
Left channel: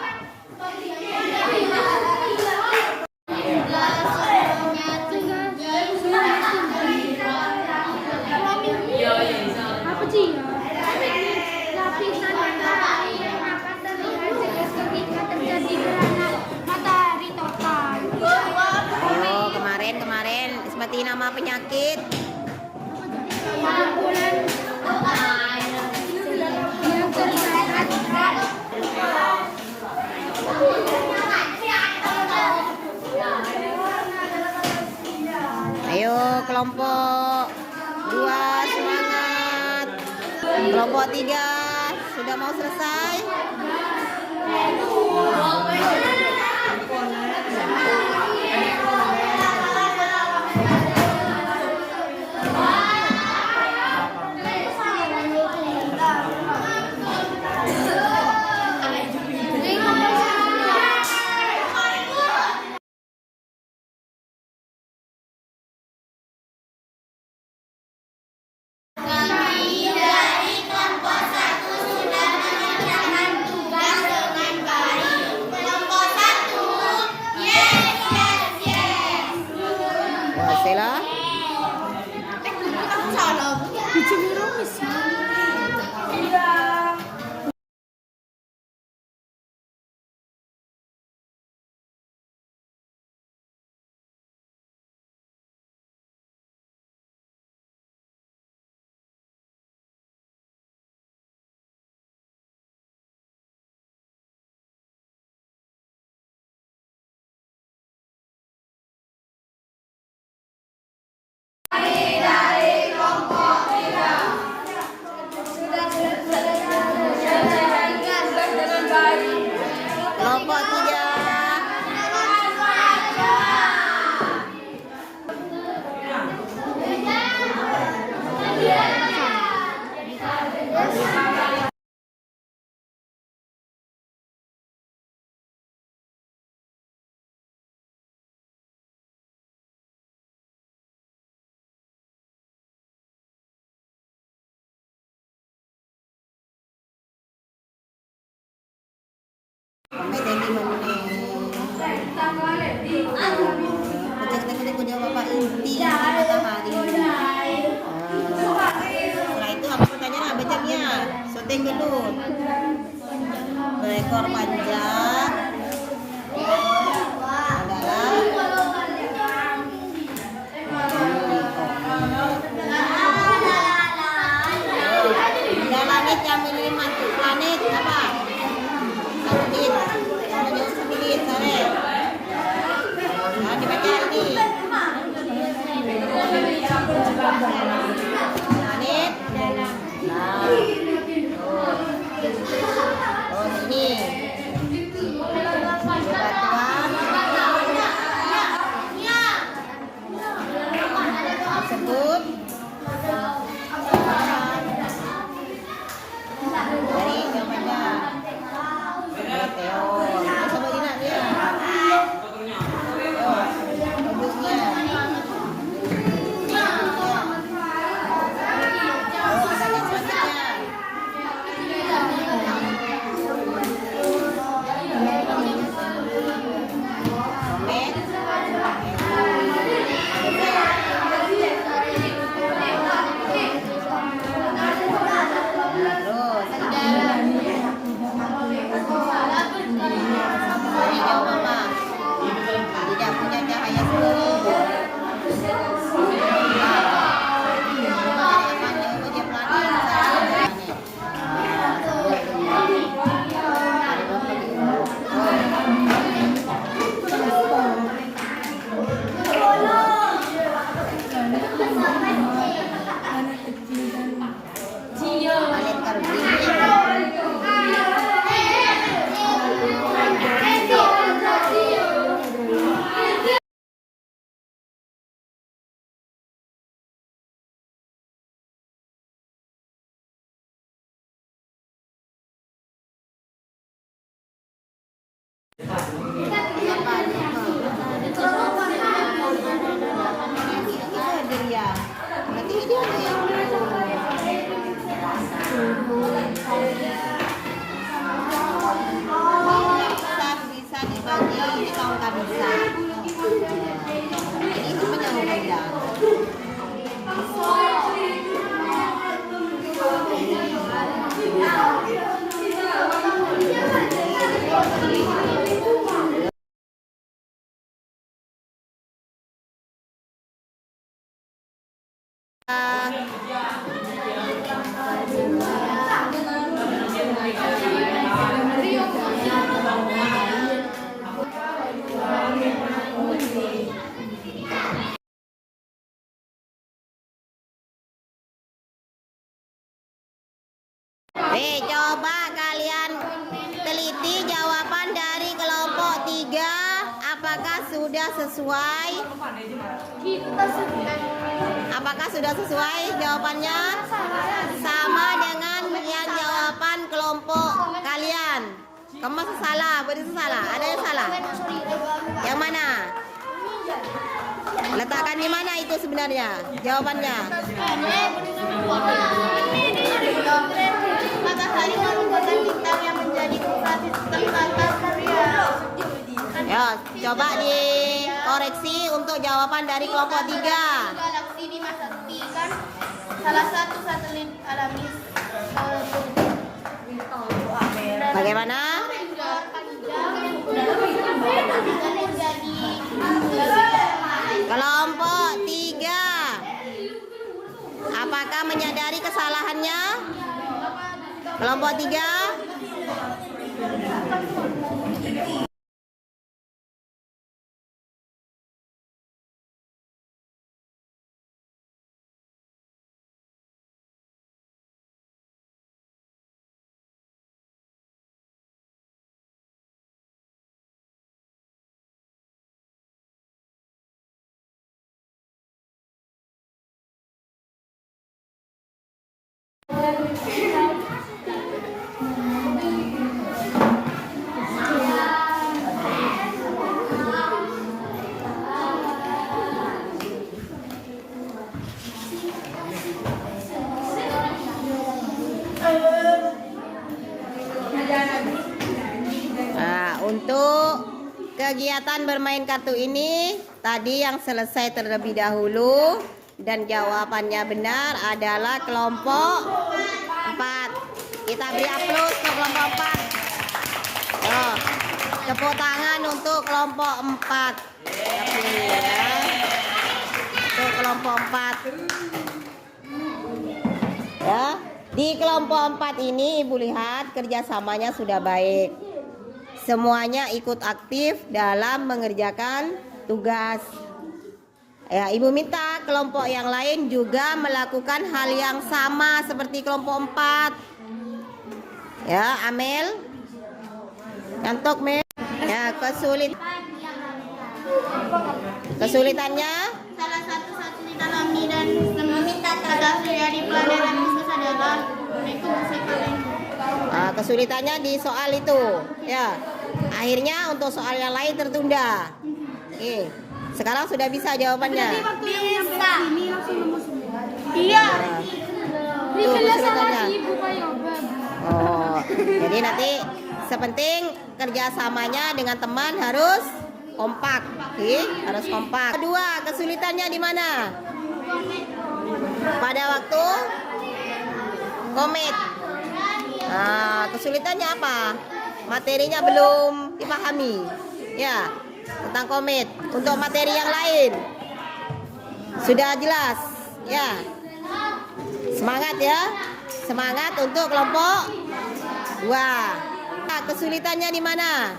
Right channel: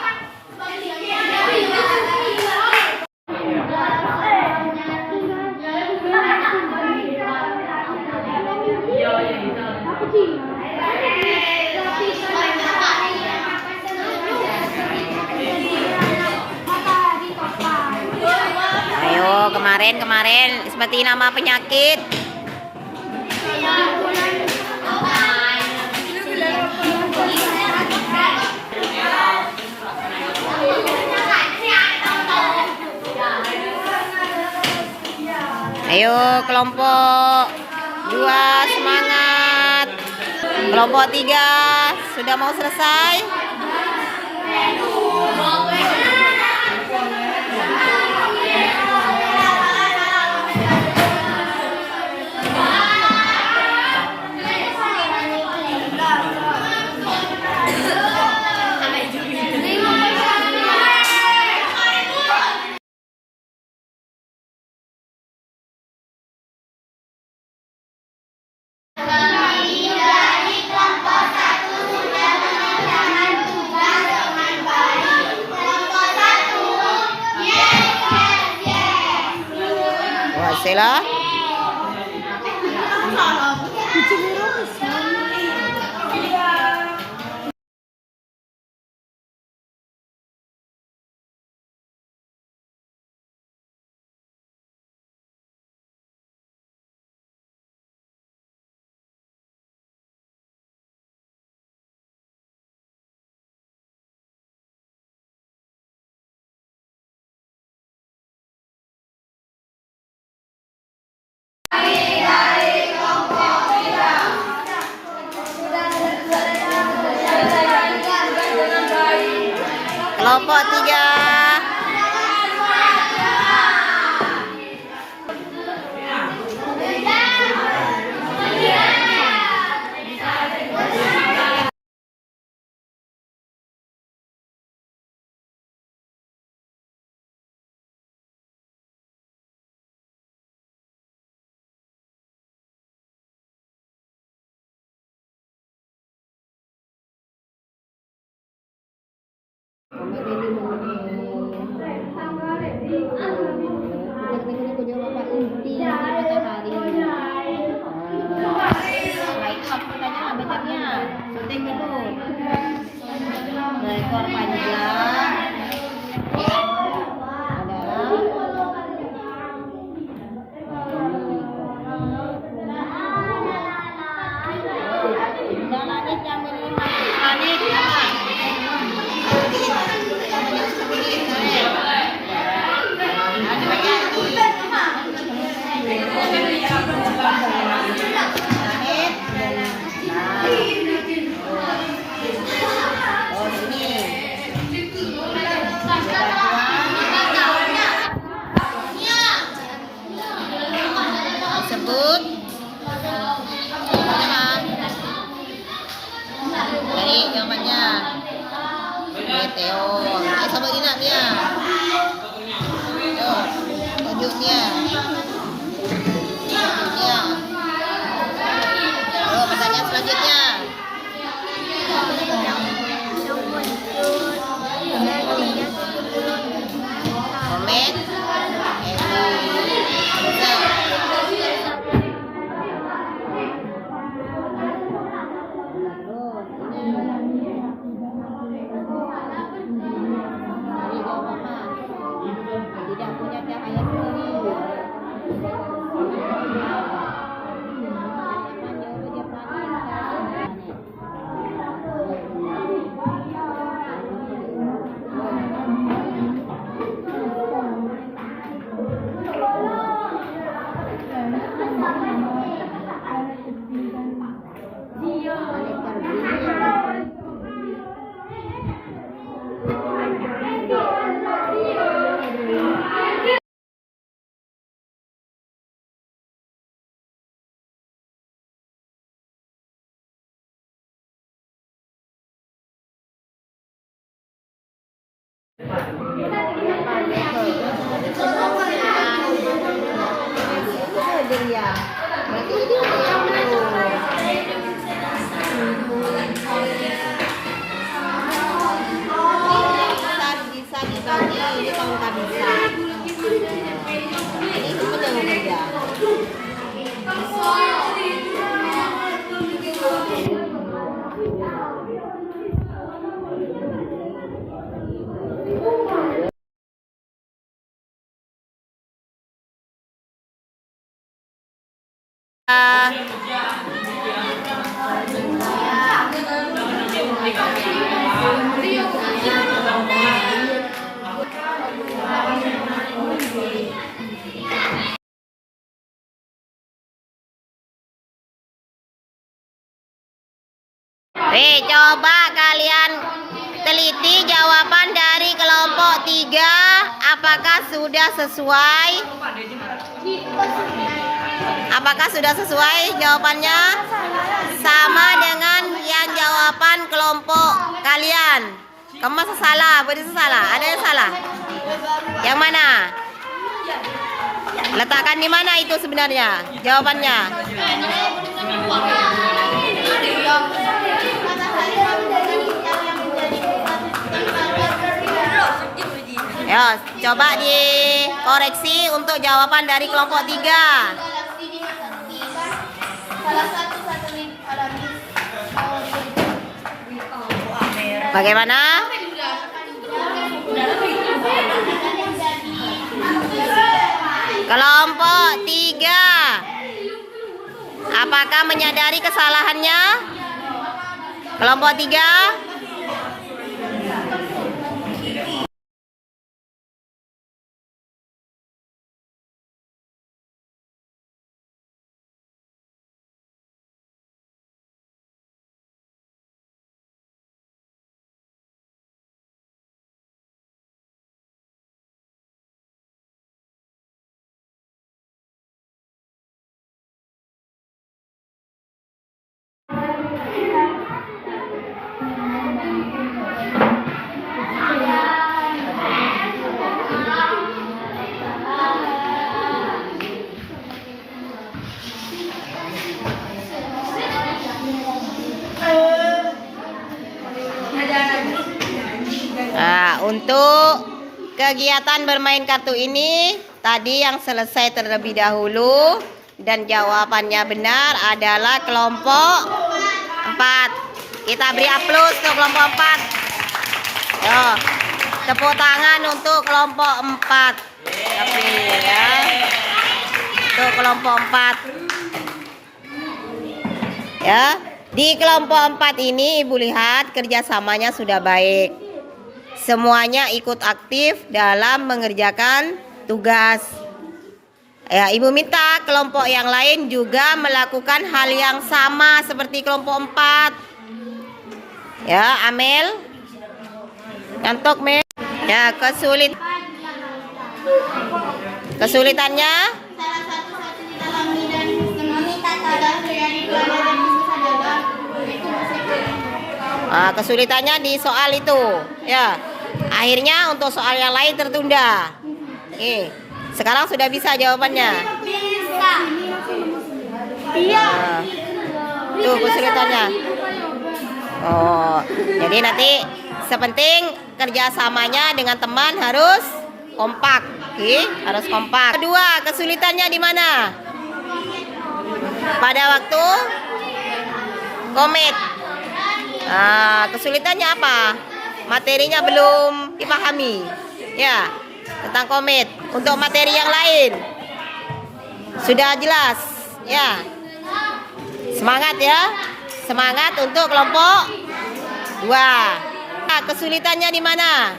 Apa sih? Ayo kemarin seperti nama penyakit. Ayo kelompok 2 semangat. Kelompok 3 sudah mau selesai. Wah, Stella. Kelompok 3. Kita dia Bapak inti matahari. Setelah itu habis pertanyaan bacanya syuting dulu. Berekor panjang adalah benda langit yang menyelimuti planet apa? Sebut dari jawabannya meteor. Sebut dinamnya. Wujudnya. Pertanyaan selanjutnya. Komet. Terus Bisa dibagi ini kamu tak bisa. Ini cuma yang kerja. Coba kalian teliti jawaban dari kelompok 3. Apakah sudah sesuai? Apakah sudah sesuai jawabannya? Sama dengan yang jawaban kelompok kalian. Kamu masa salah? Berarti salah. Ada yang salah? Yang mana? Letakkan di mana itu sebenarnya jawabannya? Ya, coba dikoreksi untuk jawaban dari kelompok 3. Salah satu satelit alami Bagaimana? Kelompok 3. Apakah menyadari kesalahannya? Kelompok 3. Untuk kegiatan bermain kartu ini tadi yang selesai terlebih dahulu dan jawabannya benar adalah kelompok 4. Kita beri aplaus untuk kelompok 4. Yo, tepuk tangan untuk kelompok 4. Tapi ya. Untuk kelompok 4. Ya, di kelompok 4 ini Ibu lihat kerjasamanya sudah baik. Semuanya ikut aktif dalam mengerjakan tugas. Ya, Ibu minta kelompok yang lain juga melakukan hal yang sama seperti kelompok 4. Ya, Amel. Ngantuk, Mel. Ya, kesulitannya salah satu satelit alami dan meminta kabar dari pelajaran khusus adalah kesulitannya di soal itu. Ya. Akhirnya untuk soal yang lain tertunda. Sekarang sudah bisa jawabannya. Iya. Tuh kesulitannya. Oh, jadi nanti sepenting kerjasamanya dengan teman harus kompak. Harus kompak. Kedua, kesulitannya di mana? Pada waktu komit. Kesulitannya apa? Materinya belum dipahami. Ya, tentang komit. Untuk materi yang lain sudah jelas. Ya. Semangat ya. Semangat untuk kelompok 2. Kesulitannya di mana?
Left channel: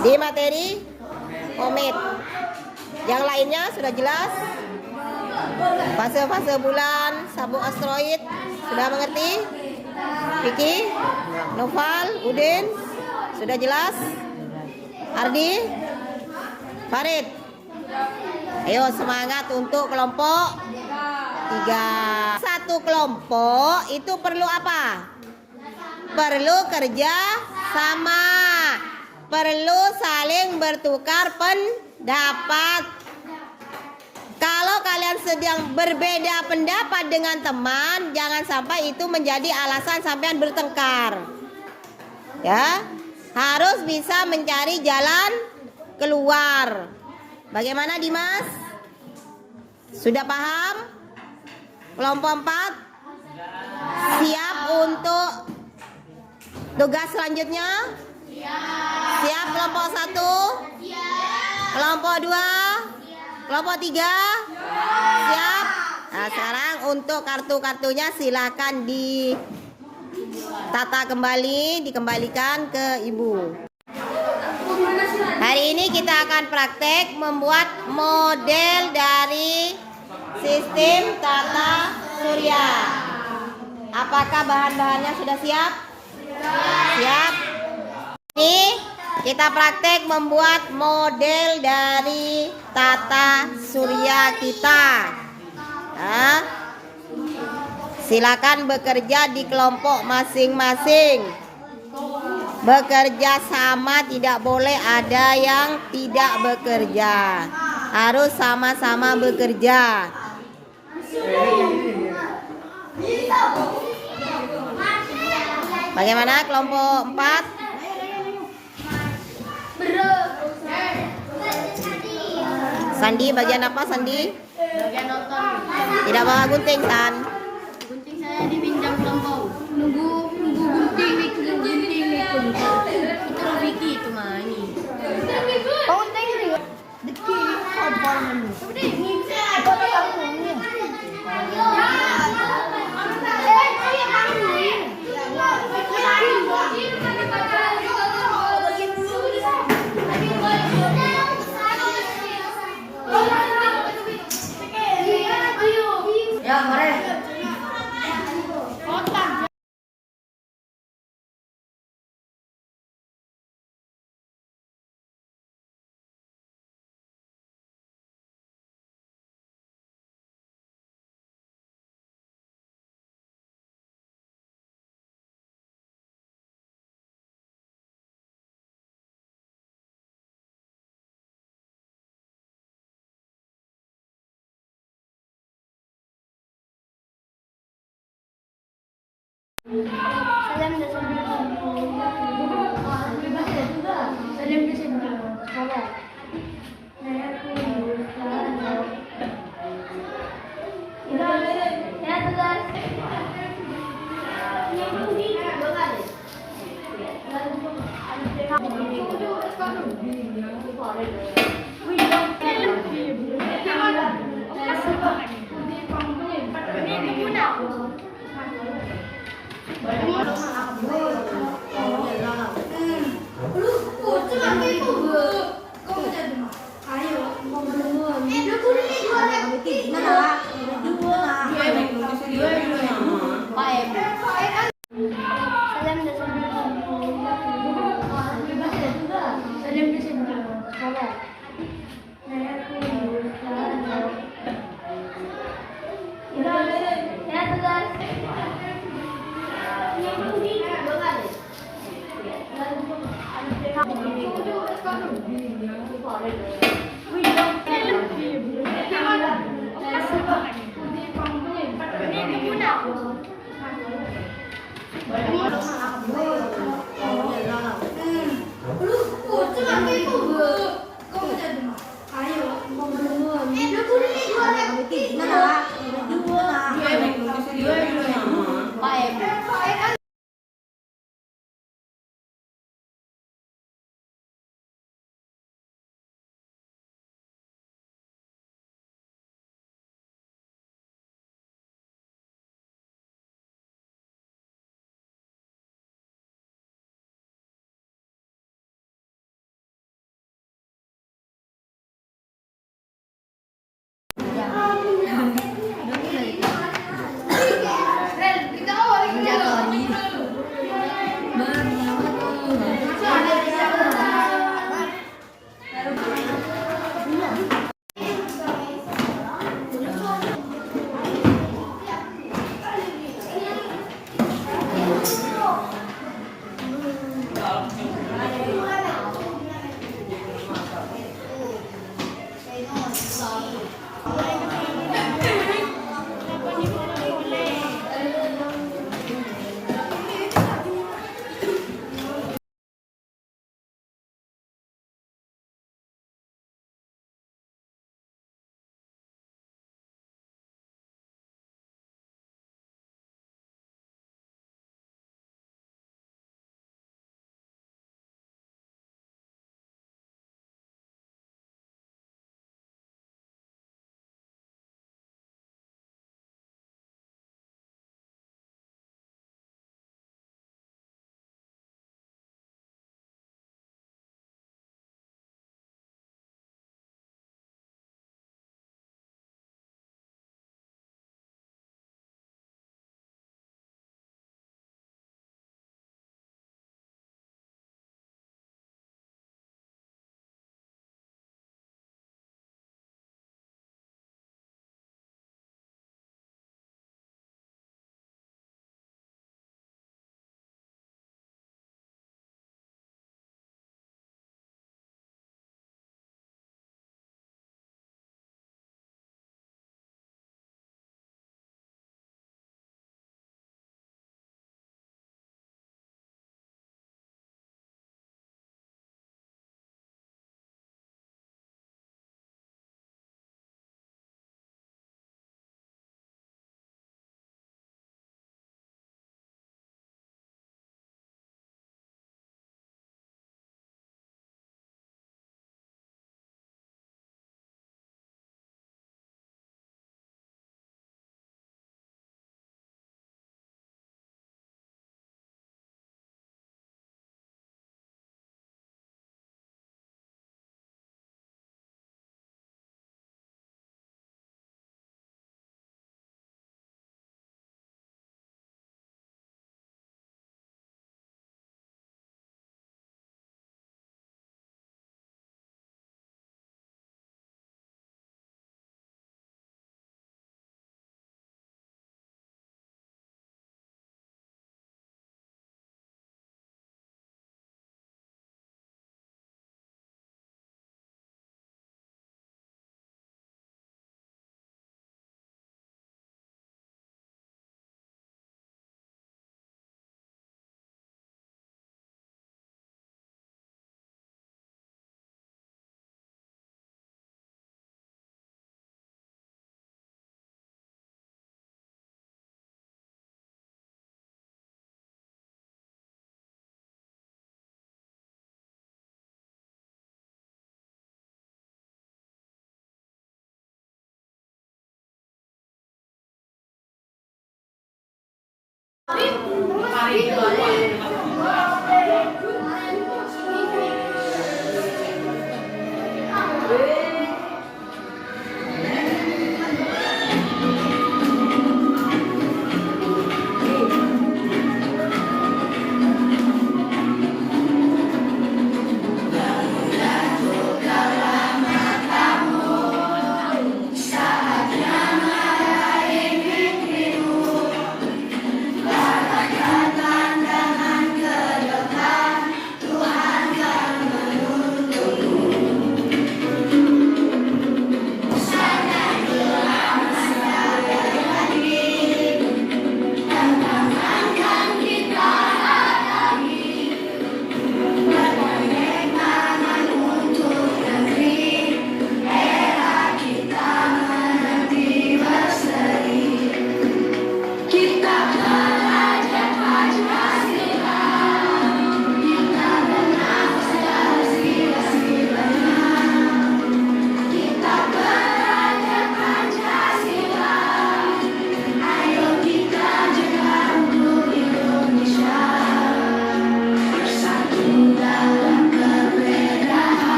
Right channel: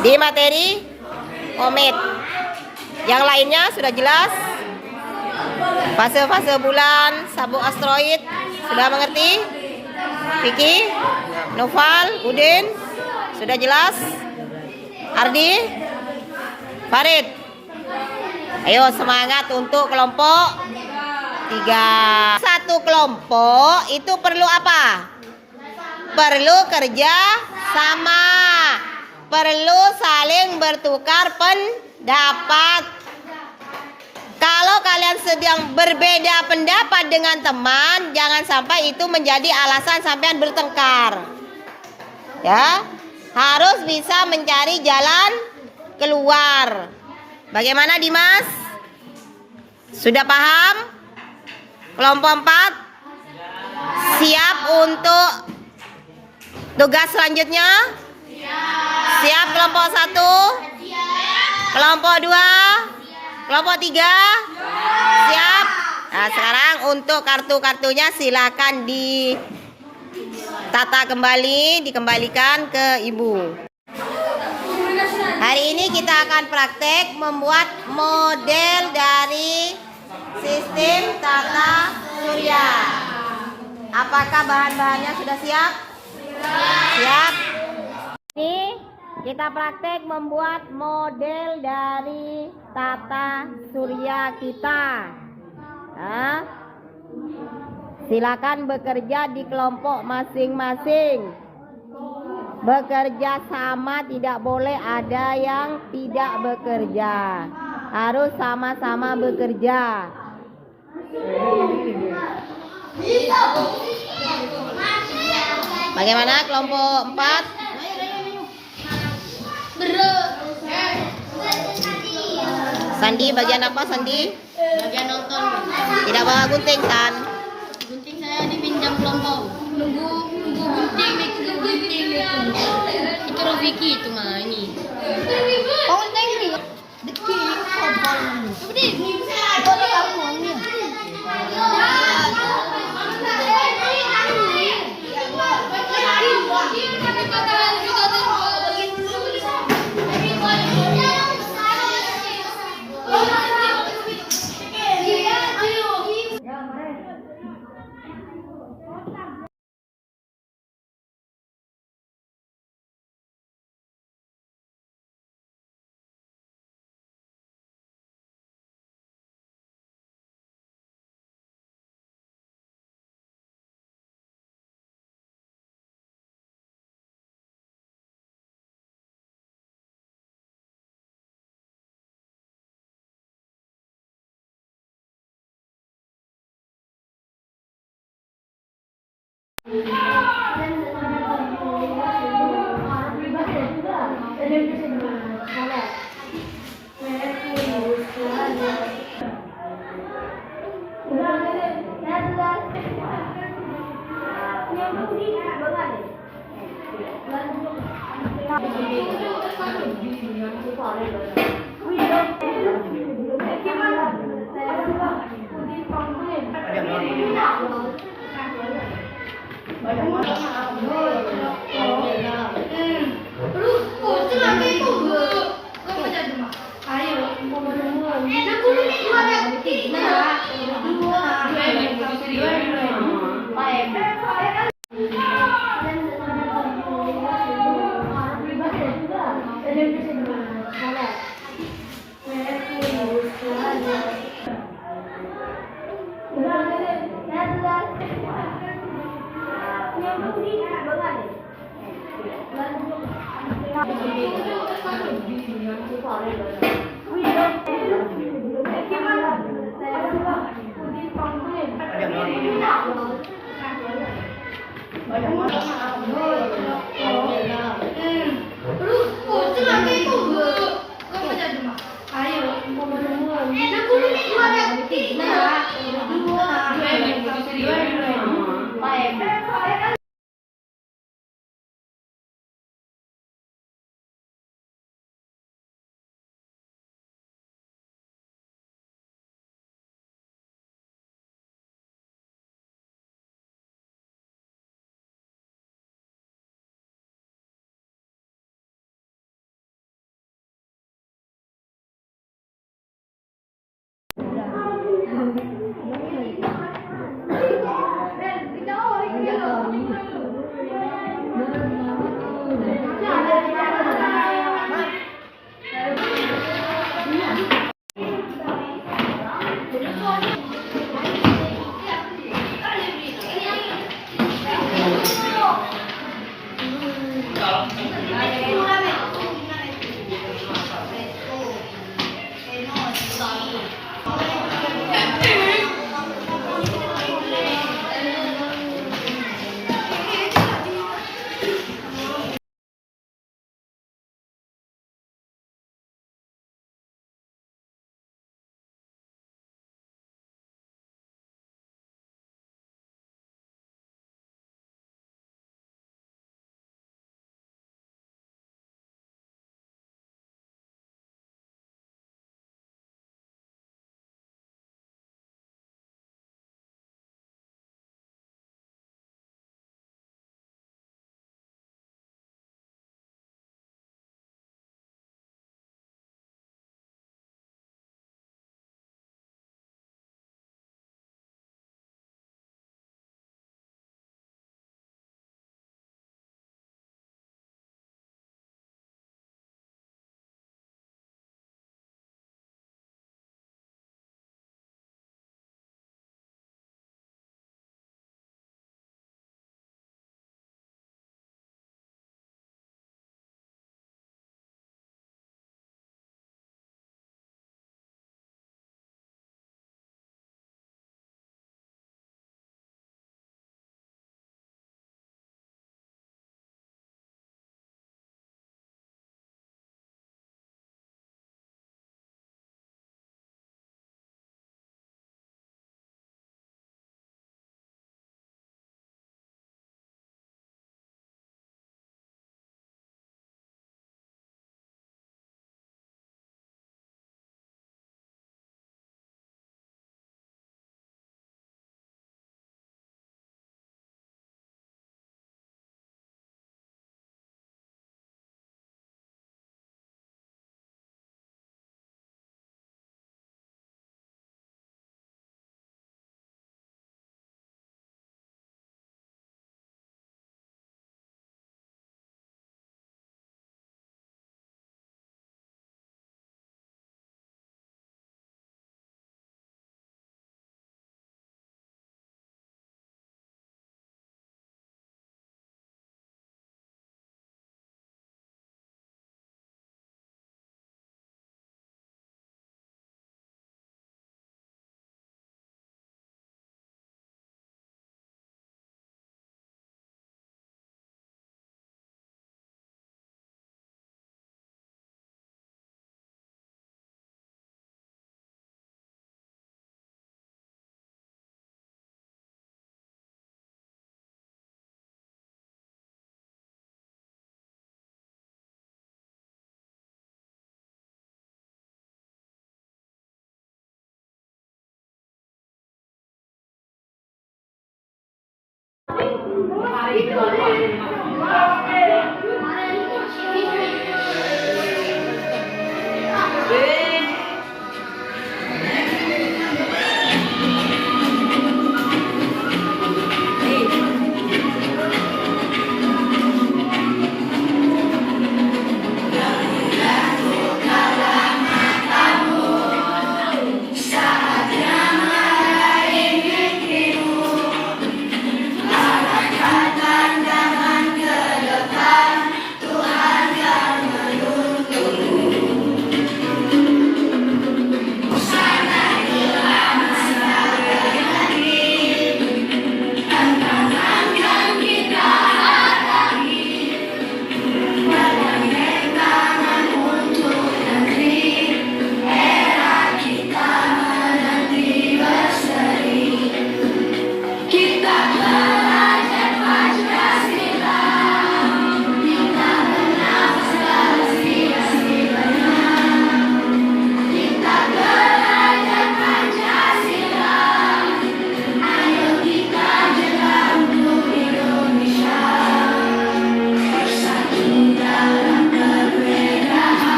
Di materi komit. Yang lainnya sudah jelas. Fase-fase bulan, sabuk asteroid sudah mengerti? Vicky, Noval, Udin, sudah jelas? Ardi, Farid. Ayo semangat untuk kelompok 3. Satu kelompok itu perlu apa? Perlu kerja sama. Perlu saling bertukar pendapat. Kalau kalian sedang berbeda pendapat dengan teman, jangan sampai itu menjadi alasan sampean bertengkar. Ya, harus bisa mencari jalan keluar. Bagaimana Dimas? Sudah paham? Kelompok 4 siap untuk tugas selanjutnya? Siap kelompok 1? Kelompok 2? Kelompok 3? Siap? Nah, sekarang untuk kartu-kartunya silakan ditata kembali, dikembalikan ke ibu. Hari ini kita akan praktek membuat model dari sistem tata surya. Apakah bahan-bahannya sudah siap? Siap. Ini kita praktek membuat model dari tata surya kita. Nah, silakan bekerja di kelompok masing-masing. Bekerja sama, tidak boleh ada yang tidak bekerja. Harus sama-sama bekerja. Bagaimana kelompok 4? Sandi, bagian apa Sandi? Bagian nonton. Tidak bawa gunting kan? Gunting saya dipinjam kelompok. Nunggu gunting itu Rafiki itu mah ini. Gunting ini. Detik kompor menu. Ini ada kamunya. Ya, mari.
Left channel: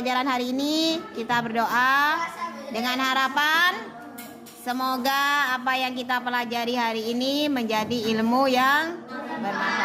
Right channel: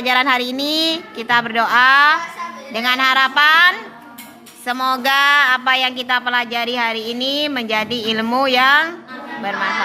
Pelajaran hari ini kita berdoa dengan harapan semoga apa yang kita pelajari hari ini menjadi ilmu yang bermanfaat.